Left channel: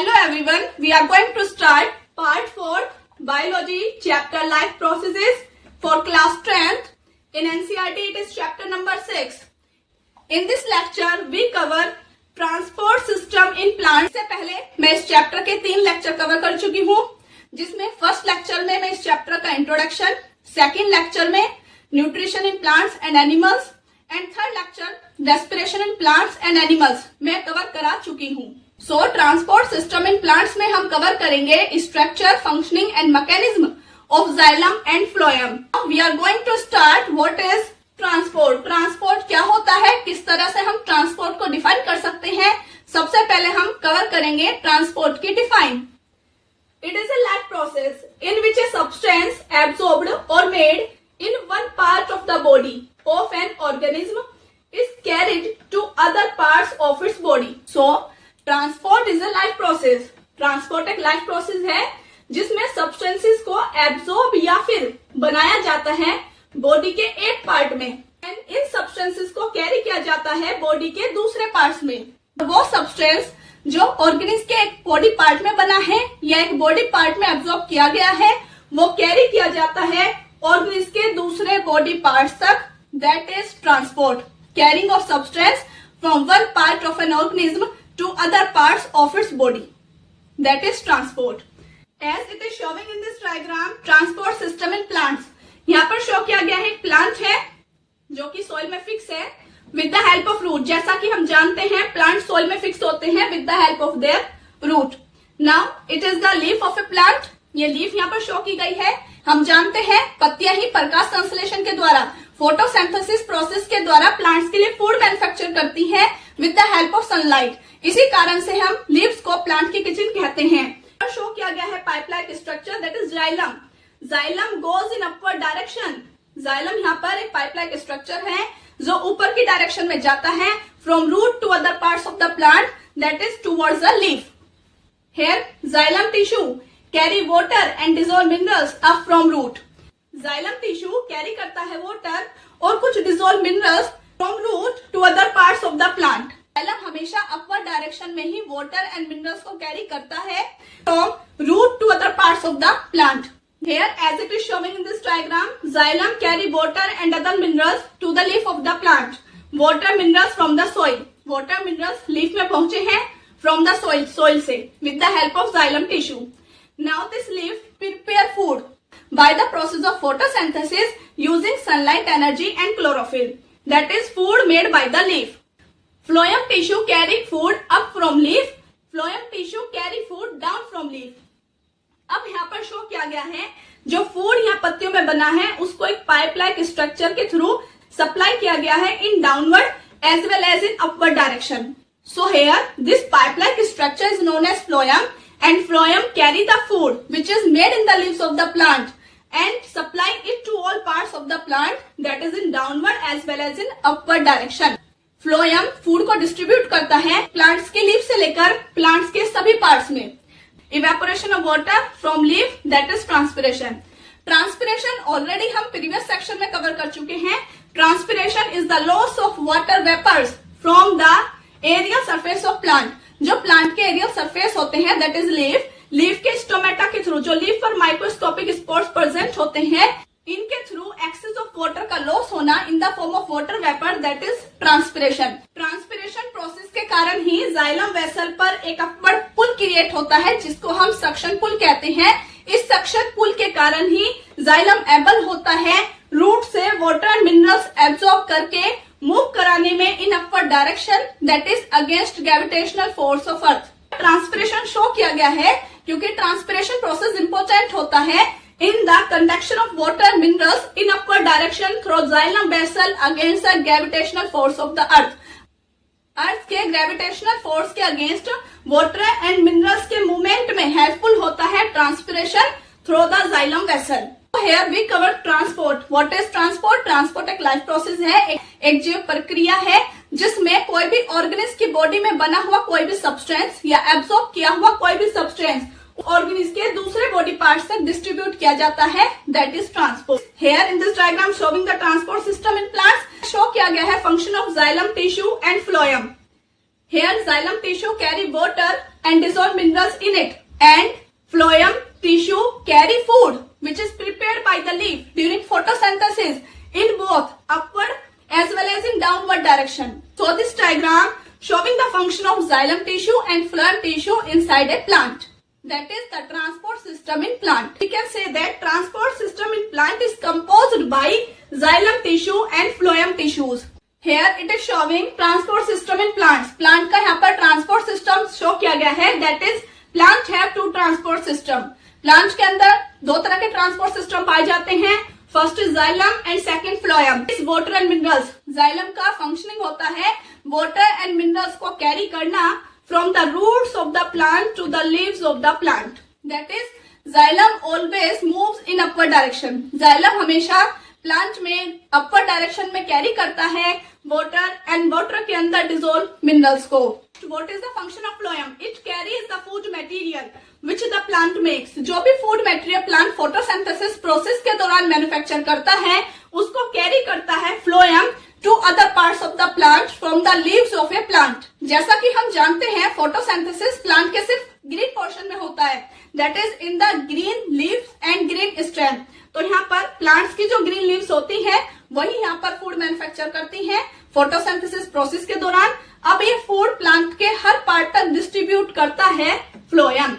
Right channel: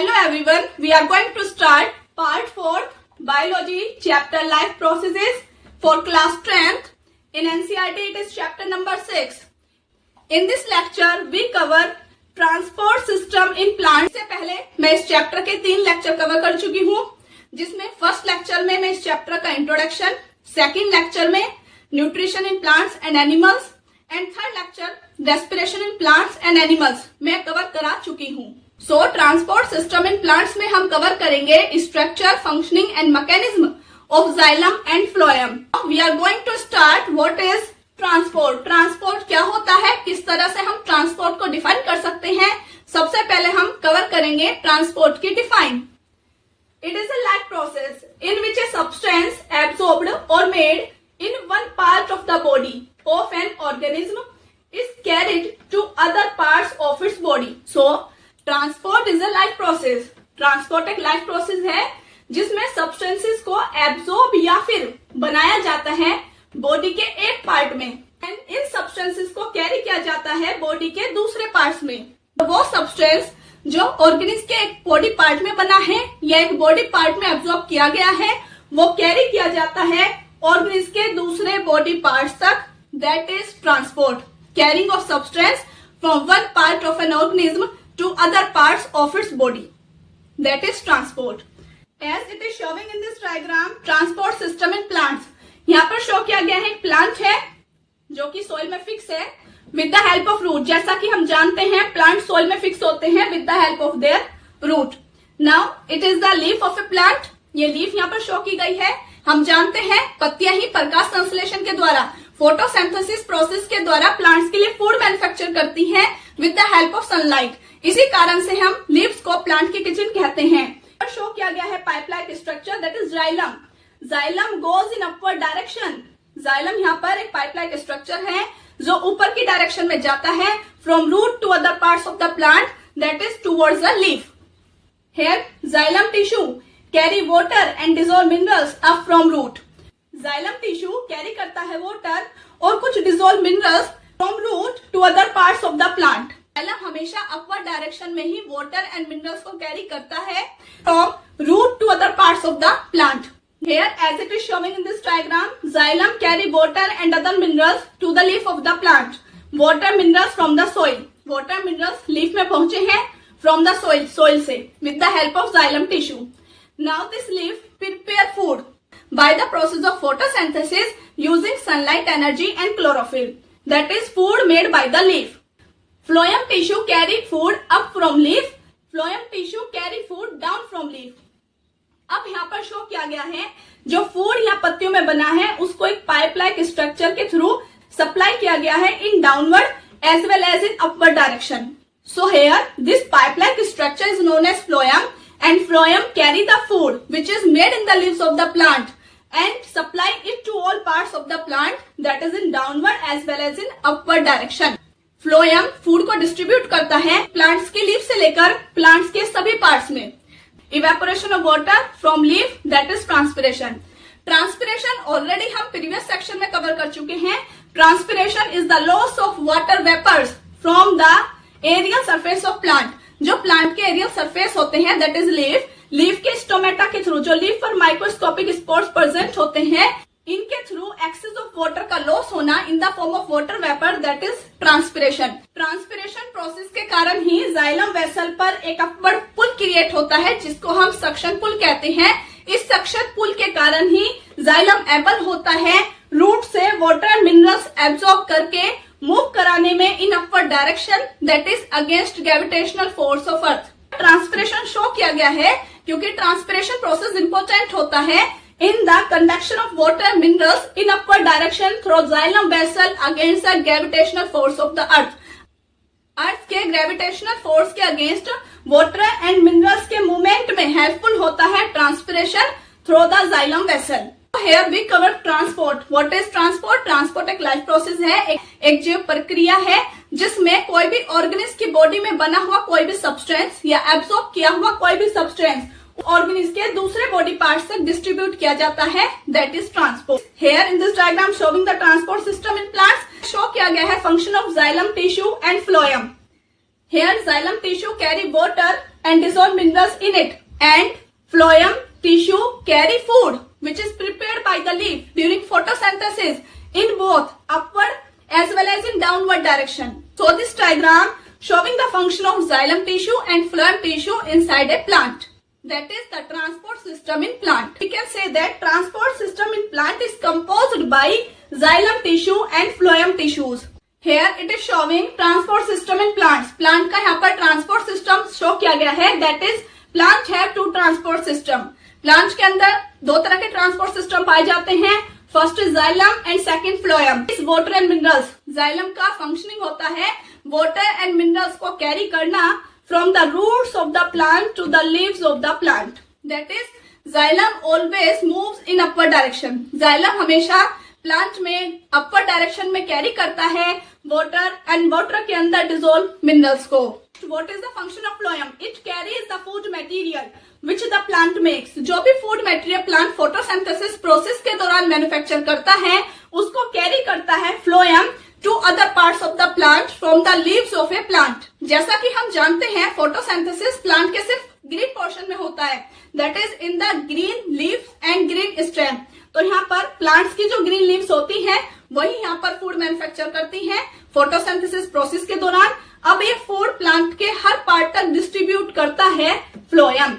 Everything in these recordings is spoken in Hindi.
Hello everyone, we are going to start part 4 biology chapter life processes for class 10th. In NCERT it is chapter number 6. In this lecture we cover transport system in plants. से पहले मैं इस चैप्टर के 3 लेक्चर कवर कर चुकी हूँ, जिसमें फर्स्ट लेक्चर में मैं इस चैप्टर का इंट्रोडक्शन, सेकंड लेक्चर में nutrition in plants and animals and third lecture respiration in plants and animals मैं कवर करा चुकी हूँ. So transport system in plants में हम कवर करेंगे structure, functioning and mechanism of xylem and phloem. We are going to start what is transport. Transport क्या होता है, किस तरह से हम ट्रांसपोर्ट को डिफाइन कर सकते हैं. सबसे पहले हम कवर करेंगे ट्रांसपोर्ट की define. It is a life process in which a substance absorbed or made in one part of the body of an organism is carried to other parts of its body. So transport is a life process. Transport एक लाइफ प्रोसेस है जिसमें सब्सटेंसेस को एब्सॉर्ब या फिर बनाया जाता है बॉडी के एक पार्ट में एंड इन सब्सटेंसेस को कैरी किया जाता है बॉडी के दूसरे पार्ट्स में. वो सब्सटेंस जो ऑर्गेनिज्म के एक बॉडी पार्ट में बना है या एक बॉडी पार्ट में एब्सॉर्ब किया गया है, वो कैरी किया जाता है ऑर्गेनिज्म के दूसरे बॉडी पार्ट्स तक. That is transport. Carrying of substance from one part of an organism to other parts of its body. That is transport. As it is showing in this diagram, transport system in plants. यहाँ पर शो किया गया है एक प्लांट है जो कि सोइल में फिक्स है with the help of root. जैसा कि हम जानते हैं प्लांट सोइल में फिक्स होते हैं with the help of their root. Now it is the leaf of a plant. ये लीफ यहाँ पर शो की गई है. हम जानते हैं पत्तियां ही प्रकाश संश्लेषण के द्वारा, फोटोसिंथेसिस प्रोसेस के द्वारा प्लांट्स के लिए फूड मैन्युफैक्चर करती है with the help of sunlight. इसी कारण से हम लीव्स को प्लांट की किचन कहते हैं. और शो किया गया है pipe like structure, that is xylem. Xylem goes in upward direction. Xylem यहाँ पर एक पाइप लाइक स्ट्रक्चर है जो ऊपर की डायरेक्शन में जाता है from root to other parts of the plant, that is towards the leaf. Here xylem tissue carry water and dissolve minerals up from root. Xylem tissue carry करता है वाटर और कुछ dissolve minerals from root to other parts of the plant. Xylem हमेशा अपवर्ड डायरेक्शन में ही वाटर एंड मिनरल्स को कैरी करता है from root to other parts of the plant. Here, as it is showing in this diagram, xylem carry water and other minerals to the leaf of the plant. Water minerals from the soil. Water minerals leaf में पहुंचे हैं from the soil, soil से with the help of xylem tissue. Now this leaf prepare food by the process of photosynthesis using sunlight energy and chlorophyll. That is food made by the leaf. Phloem tissue carry food up from leaf. Phloem tissue carry food down from leaf. अब यहाँ पर शो किया गया है जो फूड यहाँ पत्तियों में बना है उसको एक पाइप लाइक स्ट्रक्चर के थ्रू सप्लाई किया गया है in downward as well as in upward direction. So here this pipe like structure is known as phloem and phloem carry the food which is made in the leaves of the plant and supply it to all parts of the plant, that is in downward as well as in upward direction. Phloem food को डिस्ट्रीब्यूट करता है प्लांट्स के लीफ से लेकर प्लांट्स के सभी पार्ट्स में. Evaporation of water from leaf, that is transpiration. Transpiration already हम प्रीवियस सेक्शन में कवर कर चुके हैं. Transpiration is the loss of water vapours from the aerial surface of plant. जो प्लांट के एरियल सरफेस होते हैं दैट इज लीफ. लीफ के स्टोमेटा के थ्रू जो लीफ पर माइक्रोस्कोपिक स्पॉट्स प्रेजेंट होते हैं, इनके थ्रू एक्सेस ऑफ वाटर का लॉस होना in the form of water vapour, that is transpiration. Transpiration process के कारण ही जाइलम वेसल पर एक अपवर्ड पुल क्रिएट होता है जिसको हम सक्शन पुल कहते हैं. इस सक्शन पुल के कारण ही जाइलम एबल होता है रूट से वाटर एंड मिनरल्स एब्सॉर्ब करके मूव कराने में इन upward direction, that is against gravitational force of earth. Transpiration show किया गया है क्योंकि ट्रांसपिरेशन प्रोसेस इंपॉर्टेंट होता है in the conduction of water and minerals in upward direction through xylem vessel against the gravitational force of the earth. अर्थ के ग्रेविटेशनल फोर्स के अगेंस्ट वाटर एंड मिनरल्स के मूवमेंट में हेल्पफुल होता है transpiration through the xylem vessel. Here we cover transport. What is transport? Transport एक लाइफ प्रोसेस है, एक जीव प्रक्रिया है जिसमें कोई भी ऑर्गेनिज्म की बॉडी में बना हुआ कोई भी सब्सटेंस या एब्सॉर्ब किया हुआ कोई भी सब्सटेंस ऑर्गेनिज्म के दूसरे बॉडी पार्ट तक डिस्ट्रीब्यूट किया जाता है, that is transport. Here in this diagram showing the transport system in plants show किया गया है function of xylem tissue and phloem. Here xylem tissue carry water and dissolve minerals in it. And phloem tissue carry food which is prepared by the leaf during photosynthesis in both upward as well as in downward direction. So this diagram showing the function of xylem tissue and phloem tissue inside a plant. That is the transport system in plant. We can say that transport system in plant is composed by xylem tissue and phloem tissues. Here it is showing transport system in plants. Plant का यहाँ पर transport system show किया गया है. That is plant have two transport system. Plants के अंदर दो तरह के transport system पाए जाते हैं. First is xylem and second phloem. Is water and minerals. Xylem का functioning होता है water and minerals को carry करना from the roots of the plant to the leaves of the plant. That is, xylem always moves in upward direction. Xylem हमेशा प्लांट में अपर डायरेक्शन में कैरी करता है वाटर एंड वाटर के अंदर डिसॉल्व मिनरल्स को. What is the function of phloem? It carries the food material which the plant makes. जो भी food material plant photosynthesis process के दौरान मैन्युफैक्चर करता है उसको कैरी करता है phloem to other parts of the plant from the leaves of a plant. जैसा कि हम जानते हैं फोटोसिंथेसिस प्लांट के सिर्फ ग्रीन पोर्शन में होता है. That is in the green leaves and green stem. तो यहाँ पर प्लांट्स की जो ग्रीन लीव्स होती हैं वही यहाँ पर फूड मैन्युफैक्चर करती हैं फोटोसिंथेसिस प्रोसेस के दौरान. अब ये फूड प्लांट के हर पार्ट तक डिस्ट्रीब्यूट करता है phloem.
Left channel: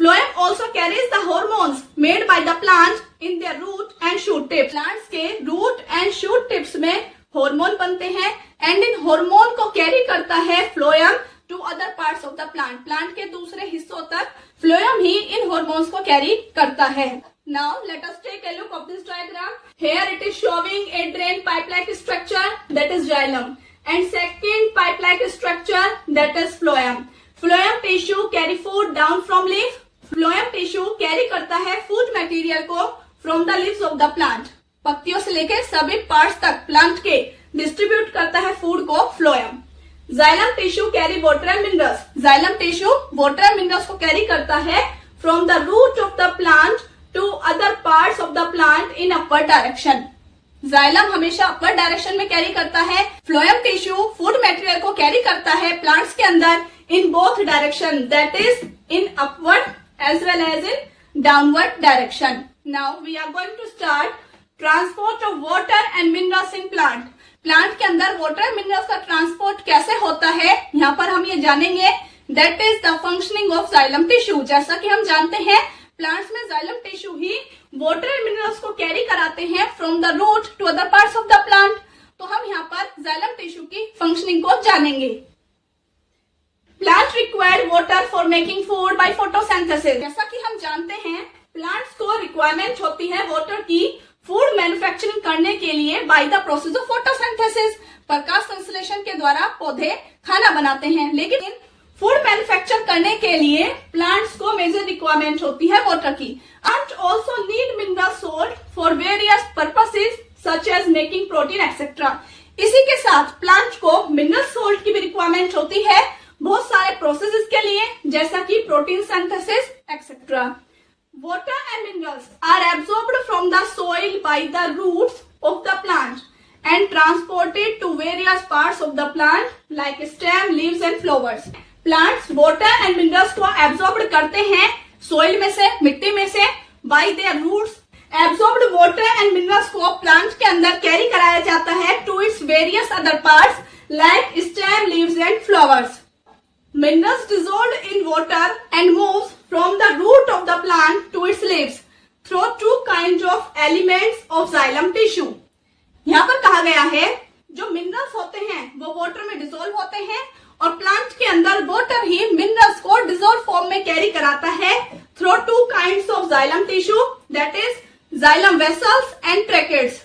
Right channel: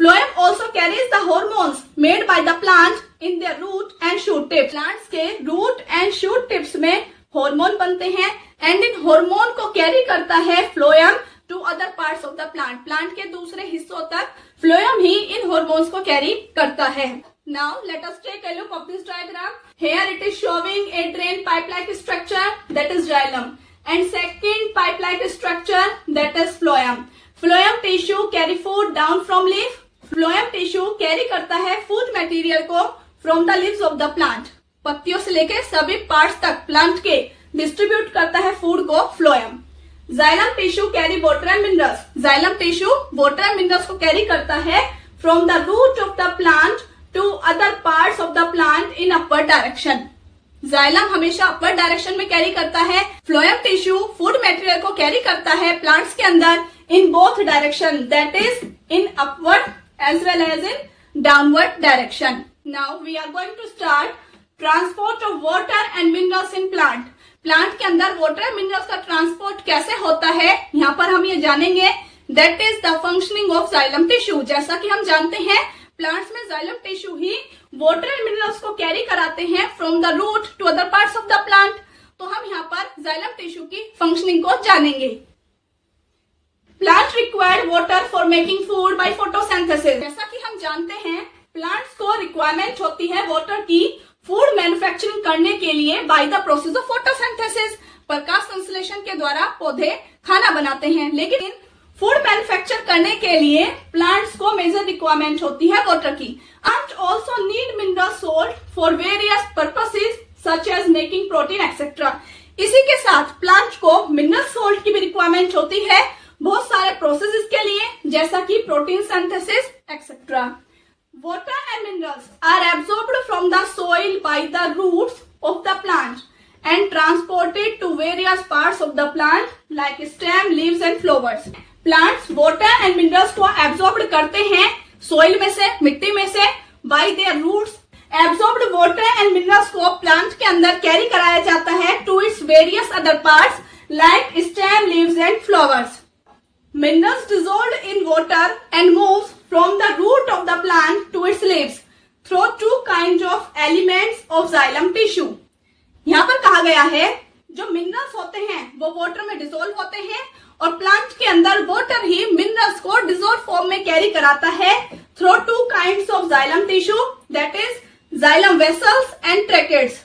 Phloem also carries the hormones made by the plant in their root and shoot tips. Plants के रूट एंड शूट टिप्स में हार्मोन बनते हैं एंड इन हार्मोन को कैरी करता है phloem to other parts of the plant. Plant के दूसरे हिस्सों तक phloem ही इन हार्मोन्स को कैरी करता है. Now let us take a look of this diagram. Here it is showing a drain pipe-like structure that is xylem and second pipe-like structure that is phloem. Phloem tissue carry food down from leaf. Phloem tissue carry करता है food material को from the leaves of the plant. पत्तियों से लेके सभी पार्ट्स तक प्लांट के डिस्ट्रीब्यूट करता है फूड को phloem. Xylem tissue carry water and minerals. Xylem tissue water and minerals को कैरी करता है from the root of the plant to other parts of the plant in upward direction. Xylem हमेशा upward direction में कैरी करता है. Phloem tissue फूड मटेरियल को कैरी करता है प्लांट्स के अंदर in both direction. That is in upward as well as in downward direction. Now we are going to start transport of water and minerals in plant. Plant के अंदर वाटर एंड मिनरल्स का ट्रांसपोर्ट कैसे होता है यहाँ पर हम ये जानेंगे. That is the functioning of xylem tissue. जैसा कि हम जानते हैं प्लांट्स में जाइलम टिश्यू ही वाटर एंड मिनरल्स को कैरी कराते हैं from the root to other parts of the plant. तो हम यहाँ पर जाइलम टिश्यू की फंक्शनिंग को जानेंगे. Plant required water for making food by photosynthesis. जैसा कि हम जानते हैं प्लांट्स को रिक्वायरमेंट होती है वाटर की फूड मैन्युफैक्चरिंग करने के लिए by the process of photosynthesis. प्रकाश संश्लेषण के द्वारा पौधे खाना बनाते हैं, लेकिन फूड मैन्युफैक्चर करने के लिए प्लांट्स को मेजर रिक्वायरमेंट होती है वाटर की. Plant also need mineral salt for various purposes such as making protein etcetera. इसी के साथ प्लांट को मिनरल सोल्ट की भी रिक्वायरमेंट होती है बहुत सारे प्रोसेसेस के लिए, जैसा कि protein synthesis etcetera. Water and minerals are absorbed from the soil by the roots of the plant and transported to various parts of the plant like stem, leaves and flowers. Plants water and minerals को absorbed करते हैं soil में से, मिट्टी में से by their roots. Absorbed water and minerals को plant के अंदर कैरी कराया जाता है to its various other parts like stem, leaves and flowers. Minerals dissolved in water and moves from the root of the plant to its leaves through two kinds of elements of xylem tissue. यहाँ पर कहा गया है जो मिनरल्स होते हैं वो वाटर में डिसॉल्व होते हैं और प्लांट के अंदर वाटर ही मिनरल्स को डिसॉल्व फॉर्म में कैरी कराता है through two kinds of xylem tissue, that is xylem vessels and tracheids.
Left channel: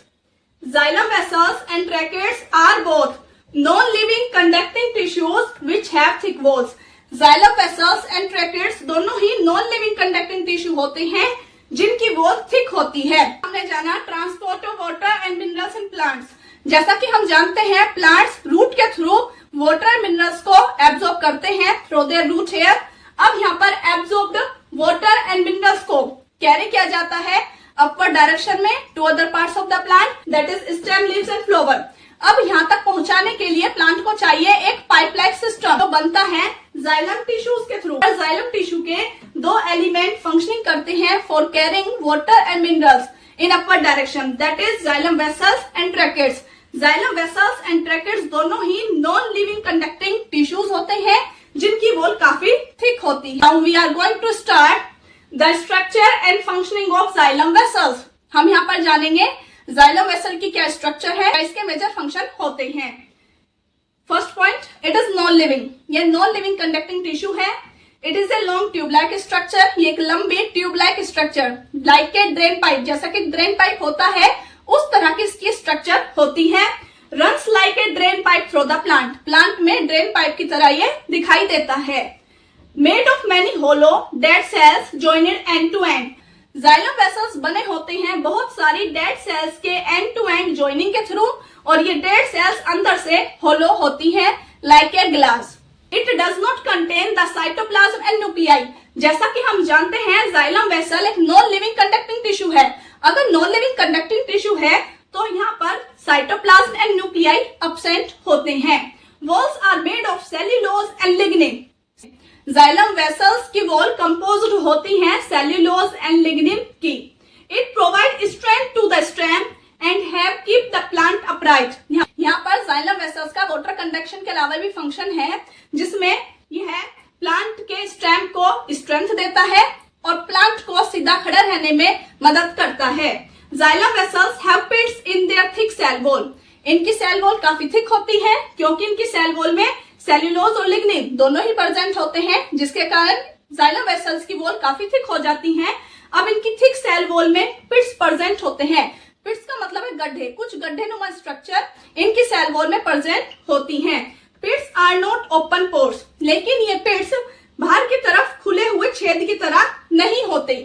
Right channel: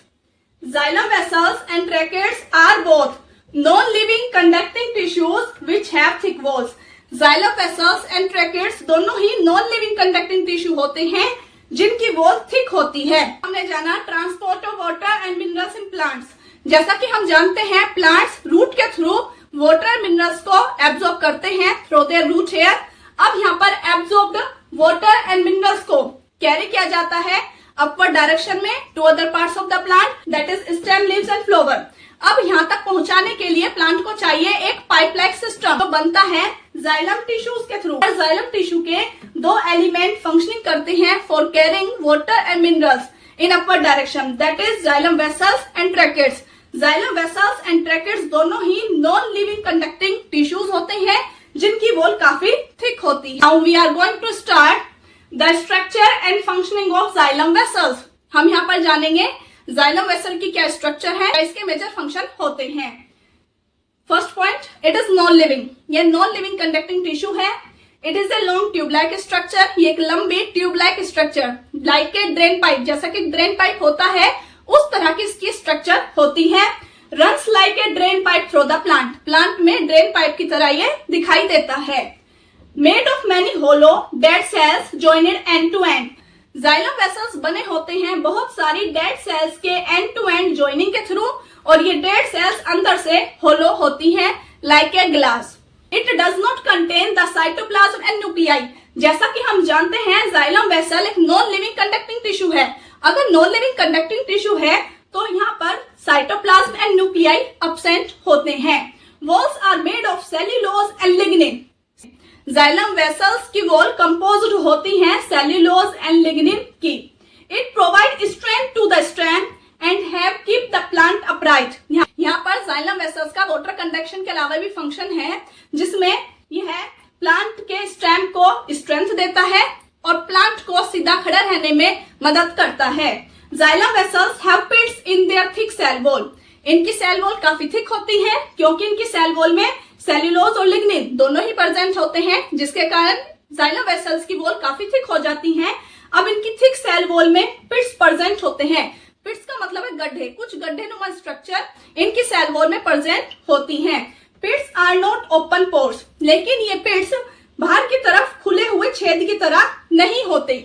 Xylem vessels and tracheids are both non-living conducting tissues which have thick walls. Xylem vessels and tracheids दोनों ही non-living conducting tissue होते हैं जिनकी वॉल थिक होती है. हमने जाना transport of water and minerals in plants. जैसा कि हम जानते हैं प्लांट्स रूट के थ्रू वाटर मिनरल्स को एब्जॉर्ब करते हैं थ्रू देयर रूट हेयर. अब यहाँ पर एब्जॉर्ब्ड वाटर एंड मिनरल्स को कैरी किया जाता है अपवर्ड डायरेक्शन में to other parts of the plant, that is stem, leaves and flower. अब यहाँ तक पहुंचाने के लिए प्लांट को चाहिए एक पाइप लाइक सिस्टम, तो बनता है जाइलम टिश्यूज के थ्रू। जाइलम टिश्यू के दो एलिमेंट फंक्शनिंग करते हैं for carrying water and minerals in upward direction, that is xylem vessels and tracheids. Xylem vessels and tracheids दोनों ही नॉन लिविंग कंडक्टिंग टिश्यूज होते हैं जिनकी वॉल काफी थिक होती है। Now we are going to start the structure and functioning of xylem vessels. हम यहाँ पर जानेंगे जाइलम वेसल की क्या स्ट्रक्चर है, इसके मेजर फंक्शन होते हैं। First point, it is non living. ये नॉन लिविंग कंडक्टिंग टिश्यू है। It is a long tube like structure. ये एक लंबी tube like structure, like a drain pipe, जैसा कि ड्रेन पाइप होता है उस तरह की इसकी स्ट्रक्चर होती है। Runs like a drain pipe through the plant. Plant में ड्रेन पाइप की तरह ये दिखाई देता है। Made of many hollow dead cells joined end to end. Xylem vessels बने होते हैं बहुत सारी डेड सेल्स के एंड टू एंड जॉइनिंग के थ्रू, और ये डेड सेल्स अंदर से होलो होती हैं like a glass. It does not contain the cytoplasm and nuclei. जैसा कि हम जानते हैं जाइलम वेसल एक नॉन लिविंग कंडक्टिंग टिश्यू है। अगर नॉन लिविंग कंडक्टिंग टिश्यू है तो यहाँ पर साइटोप्लाज्म एंड न्यूक्लियाई अब्सेंट होते हैं। Walls are made of cellulose and lignin. Xylem vessels की वॉल कंपोज्ड होती हैं सेल्यूलोज एंड लिग्निन की। It provide strength to the stem and have keep the plant upright. यहाँ पर जाइलम वेसल्स का वाटर कंडक्शन के अलावा भी फंक्शन है, जिसमें यह प्लांट के स्टेम को स्ट्रेंथ देता है और प्लांट को सीधा खड़ा रहने में मदद करता है। Xylem vessels have pits in their thick cell wall. इनकी सेल वॉल काफी थिक होती है क्योंकि इनकी सेल वॉल में सेल्यूलोज और लिग्निन दोनों ही प्रेजेंट होते हैं, जिसके कारण जाइलम वेसल्स की वॉल काफी थिक हो जाती हैं। अब इनकी थिक सेल वॉल में पिट्स प्रेजेंट होते हैं। पिट्स का मतलब है गड्ढे। कुछ गड्ढे नुमा स्ट्रक्चर इनकी सेल वॉल में प्रेजेंट होती हैं। Pits are not open pores, लेकिन ये पिट्स बाहर की तरफ खुले हुए छेद की तरह नहीं होते।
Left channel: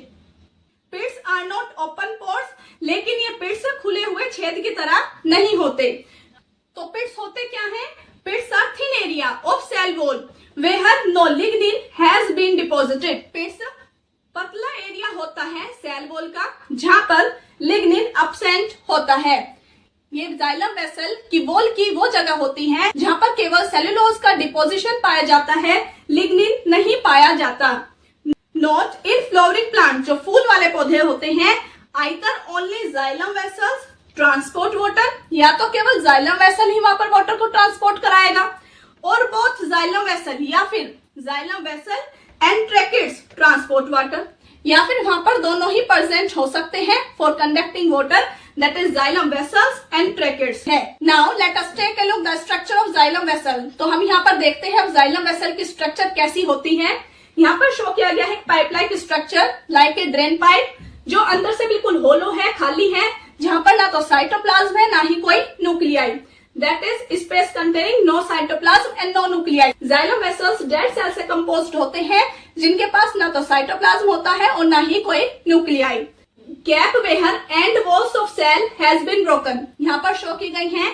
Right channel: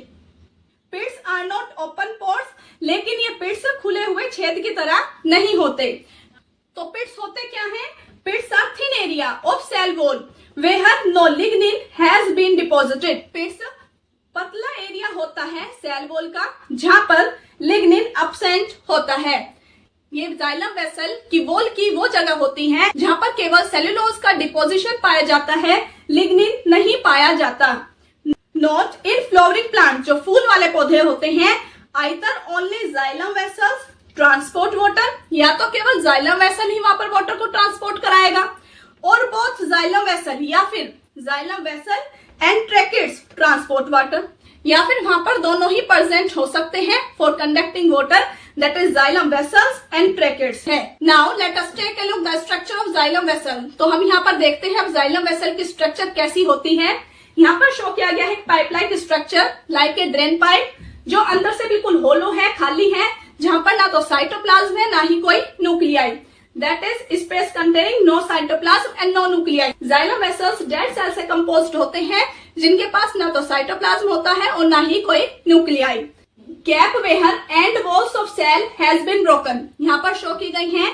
Pits are not open pores, लेकिन ये पिट्स खुले हुए छेद की तरह नहीं होते। तो पिट्स होते क्या हैं? Pits are thin area of cell wall where no lignin has been deposited. Pits पतला एरिया होता है सेल वॉल का जहां पर लिग्निन अब्सेंट होता है। ये जाइलम वेसल की वॉल की वो जगह होती है जहां पर केवल सेल्यूलोज का डिपोजिशन पाया जाता है, लिग्निन नहीं पाया जाता। नोट, इन फ्लावरिंग प्लांट, जो फूल वाले पौधे होते हैं, either only xylem vessels transport water, या तो केवल जाइलम वेसल ही वहां पर वाटर को ट्रांसपोर्ट कराएगा, और बोथ जाइलम वेसल या फिर xylem vessel and tracheids transport water, या फिर वहां पर दोनों ही प्रेजेंट हो सकते हैं for conducting water, that is xylem vessels and tracheids है। Now let us take a look the structure of xylem vessel. तो हम यहाँ पर देखते हैं अब जाइलम वेसल की स्ट्रक्चर कैसी होती है। यहाँ पर शो किया गया है pipe like structure like a drain pipe, जो अंदर से बिल्कुल होलो है, खाली है, जहां पर ना तो साइटोप्लाज्म है ना ही कोई nuclei, that is space containing no cytoplasm and no nuclei. Xylem vessels dead cell से कंपोज्ड होते हैं जिनके पास ना तो साइटोप्लाज्म होता है और ना ही कोई nuclei. Gap where end walls of cell has been broken. यहाँ पर शो की गई हैं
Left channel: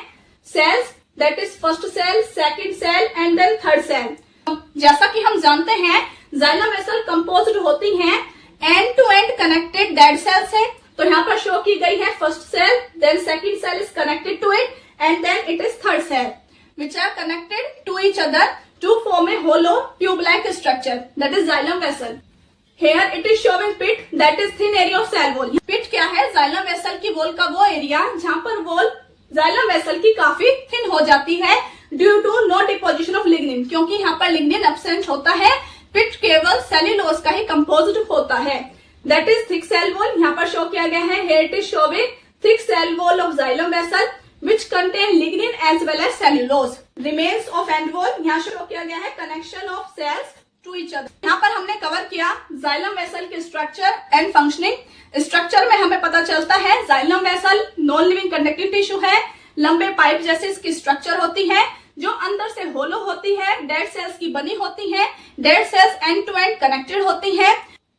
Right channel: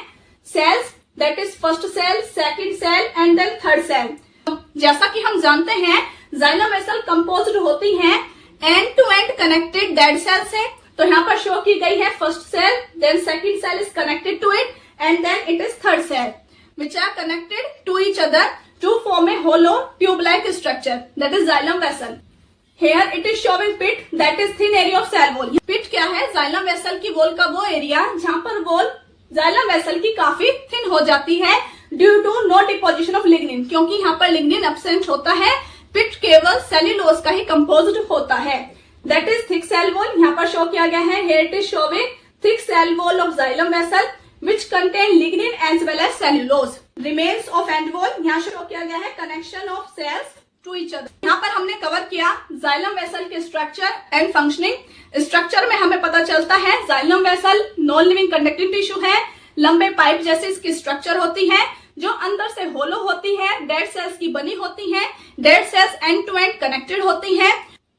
cells, that is first cell, second cell and then third cell. जैसा कि हम जानते हैं जाइलम वेसल कंपोज्ड होती हैं end to end connected dead cell से। तो यहाँ पर शो की गई है first cell, then second cell is connected to it and then it is third cell which are connected to each other to form a hollow tube-like structure, that is xylem vessel. Here it is showing pit, that is thin area of cell wall. Pit क्या है? xylem vessel की वॉल का वो एरिया जहाँ पर वॉल xylem vessel की काफी थिन हो जाती है due to no deposition of lignin, क्योंकि यहाँ पर लिग्निन एब्सेंट होता है। पिट केवल सेल्यूलोज का ही कंपोज्ड होता है, that is thick cell wall. यहाँ पर शो किया गया है, here it is showing thick cell wall of xylem vessel which contain lignin as well as cellulose. Remains of end wall, यहाँ शो किया गया है connection of cells to each other. यहाँ पर हमने कवर किया xylem vessel के स्ट्रक्चर एंड फंक्शनिंग। स्ट्रक्चर में हमें पता चलता है xylem vessel non living conducting tissue है, लंबे पाइप जैसे इसकी स्ट्रक्चर होती है जो अंदर से होलो होती है, डेड सेल्स की बनी होती है, dead cells end to end connected होती है,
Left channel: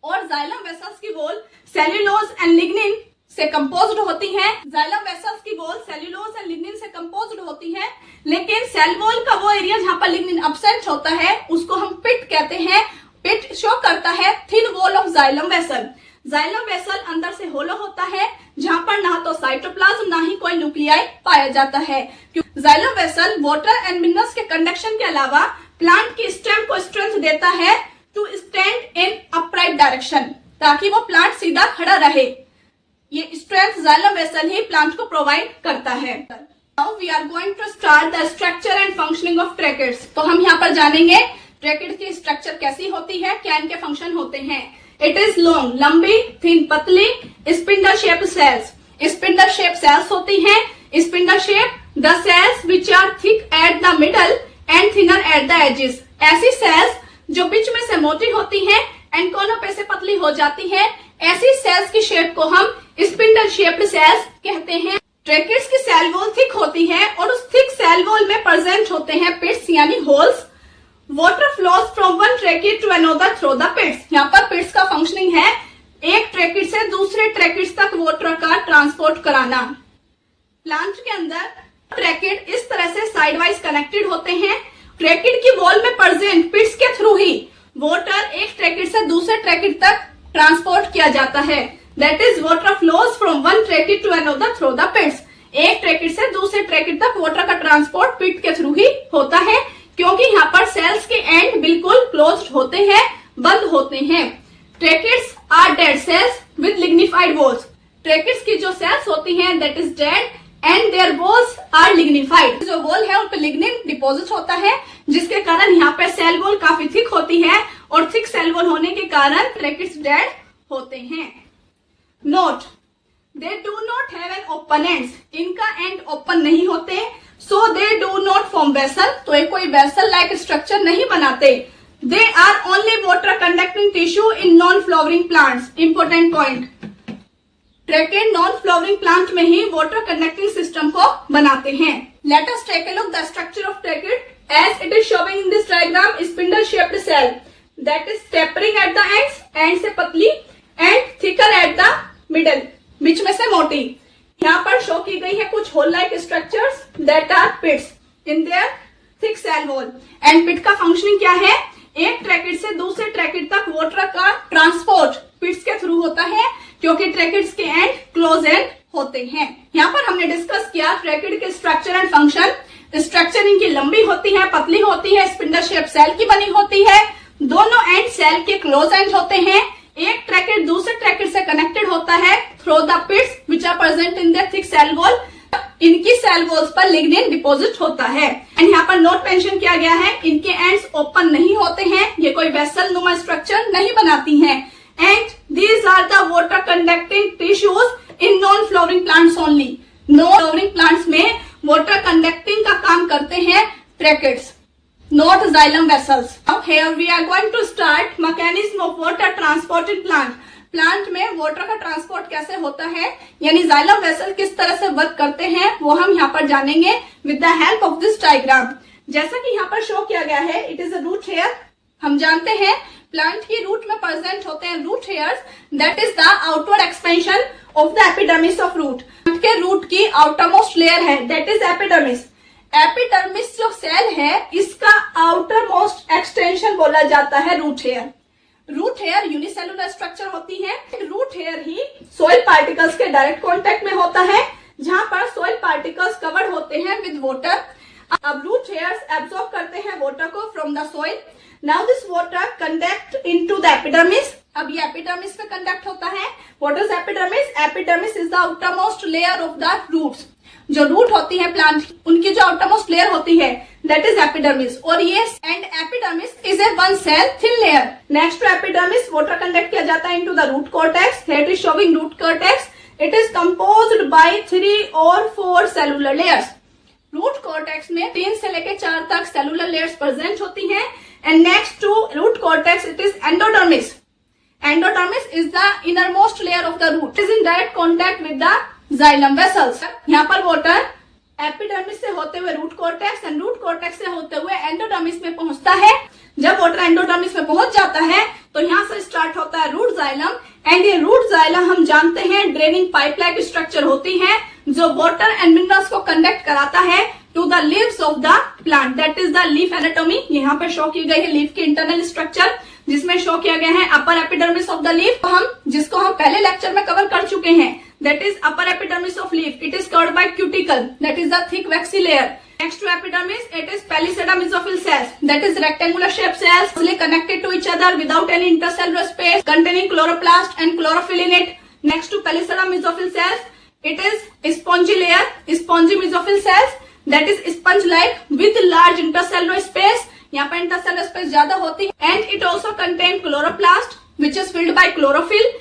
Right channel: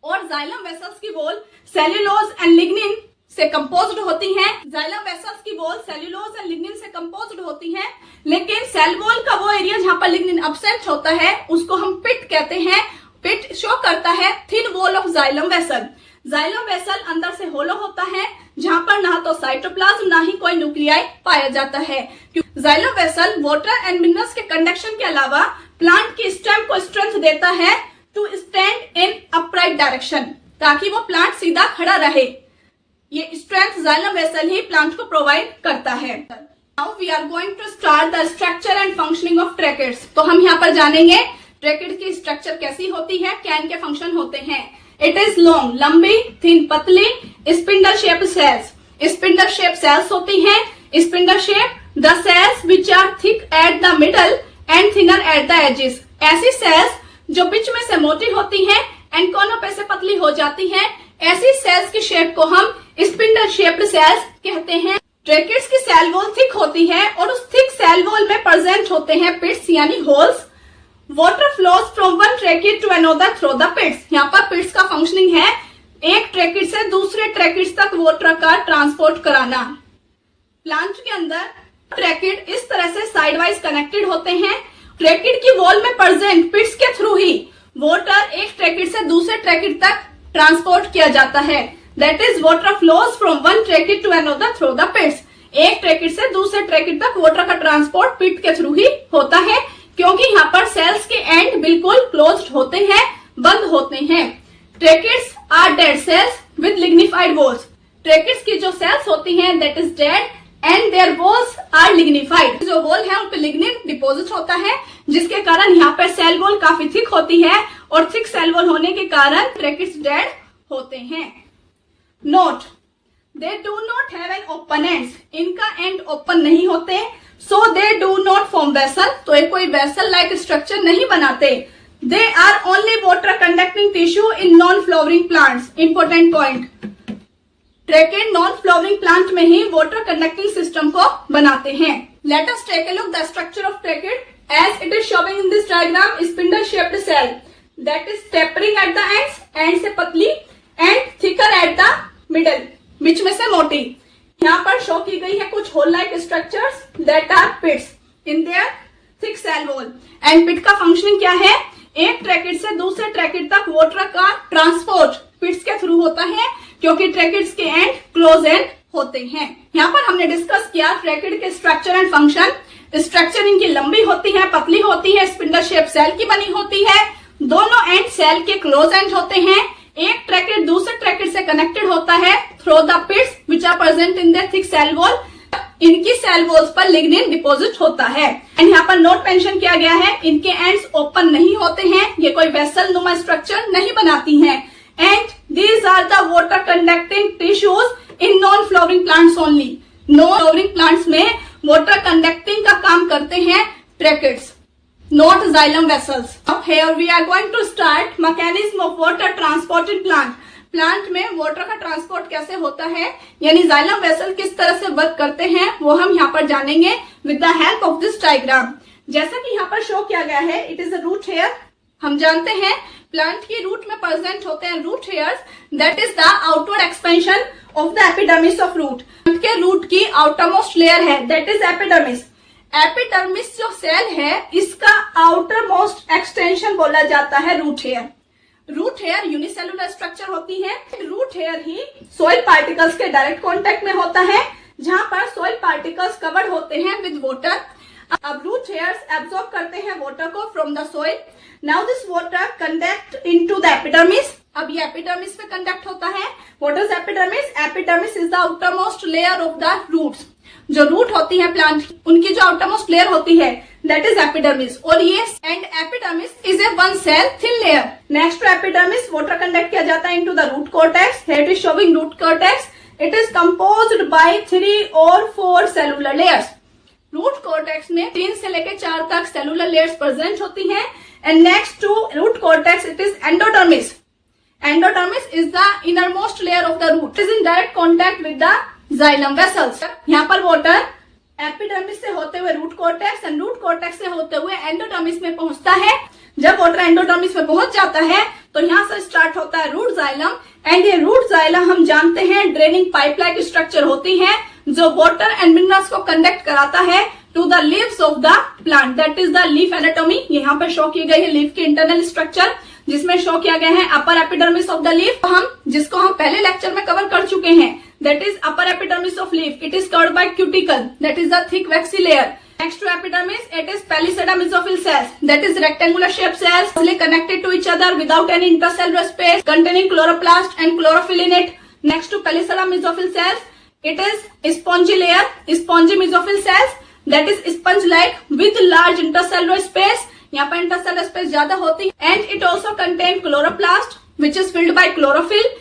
और जाइलम वेसल्स की वॉल सेल्यूलोज एंड लिग्निन से कंपोज्ड होती हैं। जाइलम वेसल्स की वॉल सेल्यूलोज एंड लिग्निन से कंपोज्ड होती हैं, लेकिन सेल वॉल का वो एरिया जहां पर लिग्निन एब्सेंट होता है उसको हम पिट कहते हैं। पिट शो करता है thin wall of xylem vessel. Xylem vessel अंदर से होलो होता है, जहां पर ना तो साइटोप्लाज्म ना ही कोई न्यूक्लियाई पाया जाता है। Xylem vessel water and minerals के कंडक्शन के अलावा प्लांट की स्टेम को स्ट्रेंथ देता है to stand in upright direction, ताकि वो प्लांट सीधा खड़ा रहे। ये स्ट्रेंथ जाइलम वेसल ही प्लांट को प्रोवाइड करता है। Now we are going to start the structure and functioning of tracheids. तो हम यहाँ पर जानेंगे ट्रैकिड की स्ट्रक्चर कैसी होती है, क्या इनके फंक्शन होते हैं। इट इज लॉन्ग, लंबी, थिन, पतली, spindle shape cells. Spindle shape cells होती हैं। Spindle shape the cells which are thick at the middle and thinner at the edges. ऐसी सेल्स जो बीच में से मोटी होती हैं एंड कोनों पे से पतली हो जाती हैं, ऐसी सेल्स की शेप को हम स्पिंडल शेप्ड सेल्स कहते हैं। ट्रैकिड्स की सेल वॉल थिक होती है और उस थिक सेल वॉल में प्रेजेंट होते हैं पिट्स यानी holes. Water flows from one tracheid to another through the pits. यहाँ पर पिट्स का फंक्शनिंग है एक ट्रैकिड से दूसरे ट्रैकिड तक वाटर का ट्रांसपोर्ट कराना। प्लांट के अंदर ट्रैकिड इस तरह से साइड वाइज कनेक्टेड होते हैं। ट्रैकिड की वॉल में प्रेजेंट पिट्स के थ्रू ही वाटर एक ट्रैकिड से दूसरे ट्रैकिड तक ट्रांसपोर्ट किया जाता है। That is water flows from one tracheid to another through the pits. एक ट्रैकिड से दूसरे ट्रैकिड तक वाटर का ट्रांसपोर्ट पिट के थ्रू ही होता है, क्योंकि यहाँ पर सेल्स के एंड बिल्कुल क्लोज्ड होते हैं, बंद होते हैं। Tracheids are dead cells with lignified walls. Tracheids की जो सेल्स होती हैं that is dead and their walls are lignified. जो वॉल है उन पर लिग्निन डिपोजिट होता है, जिसके कारण यहाँ पर सेल वॉल काफी थिक होती है और थिक सेल वॉल होने के कारण ट्रैकिड्स डेड होते हैं। Note, they do not have an open ends. इनका एंड ओपन नहीं होते, so they do not form vessel. तो ये कोई वेसल लाइक स्ट्रक्चर नहीं बनाते। They are only water conducting tissue in non flowering plants. Important point, tracheid non flowering plant में ही वाटर कंडक्टिंग सिस्टम को बनाते हैं। Let us take a look the structure of tracheid as it is showing in this diagram. Spindle shaped cell that is tapering at the ends, end से पतली and thicker at the middle, बीच में से मोटी। यहाँ पर शो की गई है कुछ hole like structures that are pits in their thick cell wall. And pit का फंक्शनिंग क्या है, एक ट्रैकिड से दूसरे ट्रैकिड तक वाटर का ट्रांसपोर्ट पिट्स के थ्रू होता है, क्योंकि ट्रैकिड्स के एंड क्लोज एंड होते हैं। यहाँ पर हमने डिस्कस किया ट्रैकिड के स्ट्रक्चर एंड फंक्शन। स्ट्रक्चर इनकी लंबी होती है, पतली होती है, स्पिंडल शेप सेल की बनी होती है, दोनों एंड सेल के क्लोज एंड होते हैं। एक ट्रैकिड दूसरे ट्रैकिड से कनेक्टेड होता है through the pits which are present in the thick cell wall. इनकी सेल वॉल्स पर लिग्निन डिपोजिट होता है। एंड यहाँ पर नोट मेंशन किया गया है, इनके एंड्स ओपन नहीं होते हैं, ये कोई वेसल नुमा स्ट्रक्चर नहीं बनाती हैं। And these are the water conducting tissues in non flowering plants only. Non flowering plants में वाटर कंडक्टिंग का काम करते हैं tracheids, not xylem vessels. Now here we are going to start mechanism of water transport in plant. Plant में वाटर का ट्रांसपोर्ट कैसे होता है, यानी जाइलम वेसल किस तरह से वर्क करते हैं, वो हम यहाँ पर जानेंगे with the help of this diagram. जैसा कि यहाँ पर शो किया गया है, it is a root hair. हम जानते हैं प्लांट की रूट में प्रेजेंट होते हैं root hairs, that is the outward expansion of the epidermis of root. के रूट की आउटरमोस्ट लेयर है दैट इज एपिडर्मिस। एपिडर्मिस जो सेल है इसका आउटर मोस्ट एक्सटेंशन बोला जाता है root hair. Root hair unicellular structure होती है। रूट हेयर ही सोइल पार्टिकल्स के डायरेक्ट कांटेक्ट में होता है, जहां पर सोइल पार्टिकल्स कवर्ड होते हैं विद वाटर। अब रूट हेयर्स एब्जॉर्ब करते हैं वाटर को from the soil. Now this water conduct into the epidermis. अब ये एपिडर्मिस में कंडक्ट होता है। What is epidermis? Epidermis is the outer most layer of the roots. जो रूट होती है प्लांट, उनकी जो आउटरमोस्ट लेयर होती है दैट इज एपिडर्मिस। और ये and epidermis is a one cell thin layer. Next to epidermis water conduct किया जाता है into the root cortex. Here it is showing root cortex. It is composed by 3 और 4 सेलुलर लेयर्स। रूट कॉर्टेक्स में 3 से लेकर 4 तक सेलुलर लेयर्स प्रेजेंट होती हैं। And next to root cortex it is endodermis. Endodermis is the innermost layer of the root. It is in direct contact with the xylem vessels. यहाँ पर वाटर एपिडर्मिस से होते हुए root cortex and root cortex से होते हुए एंडोडर्मिस में पहुंचता है। जब वाटर एंडोडर्मिस में पहुंच जाता है तो यहाँ से स्टार्ट होता है रूट जाइलम। एंड ये रूट जाइलम हम जानते हैं ड्रेनिंग पाइप लाइक स्ट्रक्चर होती है, जो वाटर एंड मिनरल्स को कंडक्ट कराता है to the leaves of the plant. That is the leaf anatomy. यहाँ पे शो की गई है लीफ की इंटरनल स्ट्रक्चर। जिसमें शो किया गया है upper epidermis of the leaf, जिसको हम पहले लेक्चर में कवर कर चुके हैं, that is upper epidermis of leaf. It is covered by cuticle, that is the thick waxy layer. Next to epidermis, it is palisada mesophyll cells, that is rectangular shaped cells connected to each other without any intercellular space, containing chloroplast and chlorophyll in it. Next to palisada mesophyll cells, it is spongy layer, spongy mesophyll cells, that is sponge-like with large intercellular space. यहाँ पर intercellular space ज्यादा होती है. And it also contains chloroplast, which is filled by chlorophyll.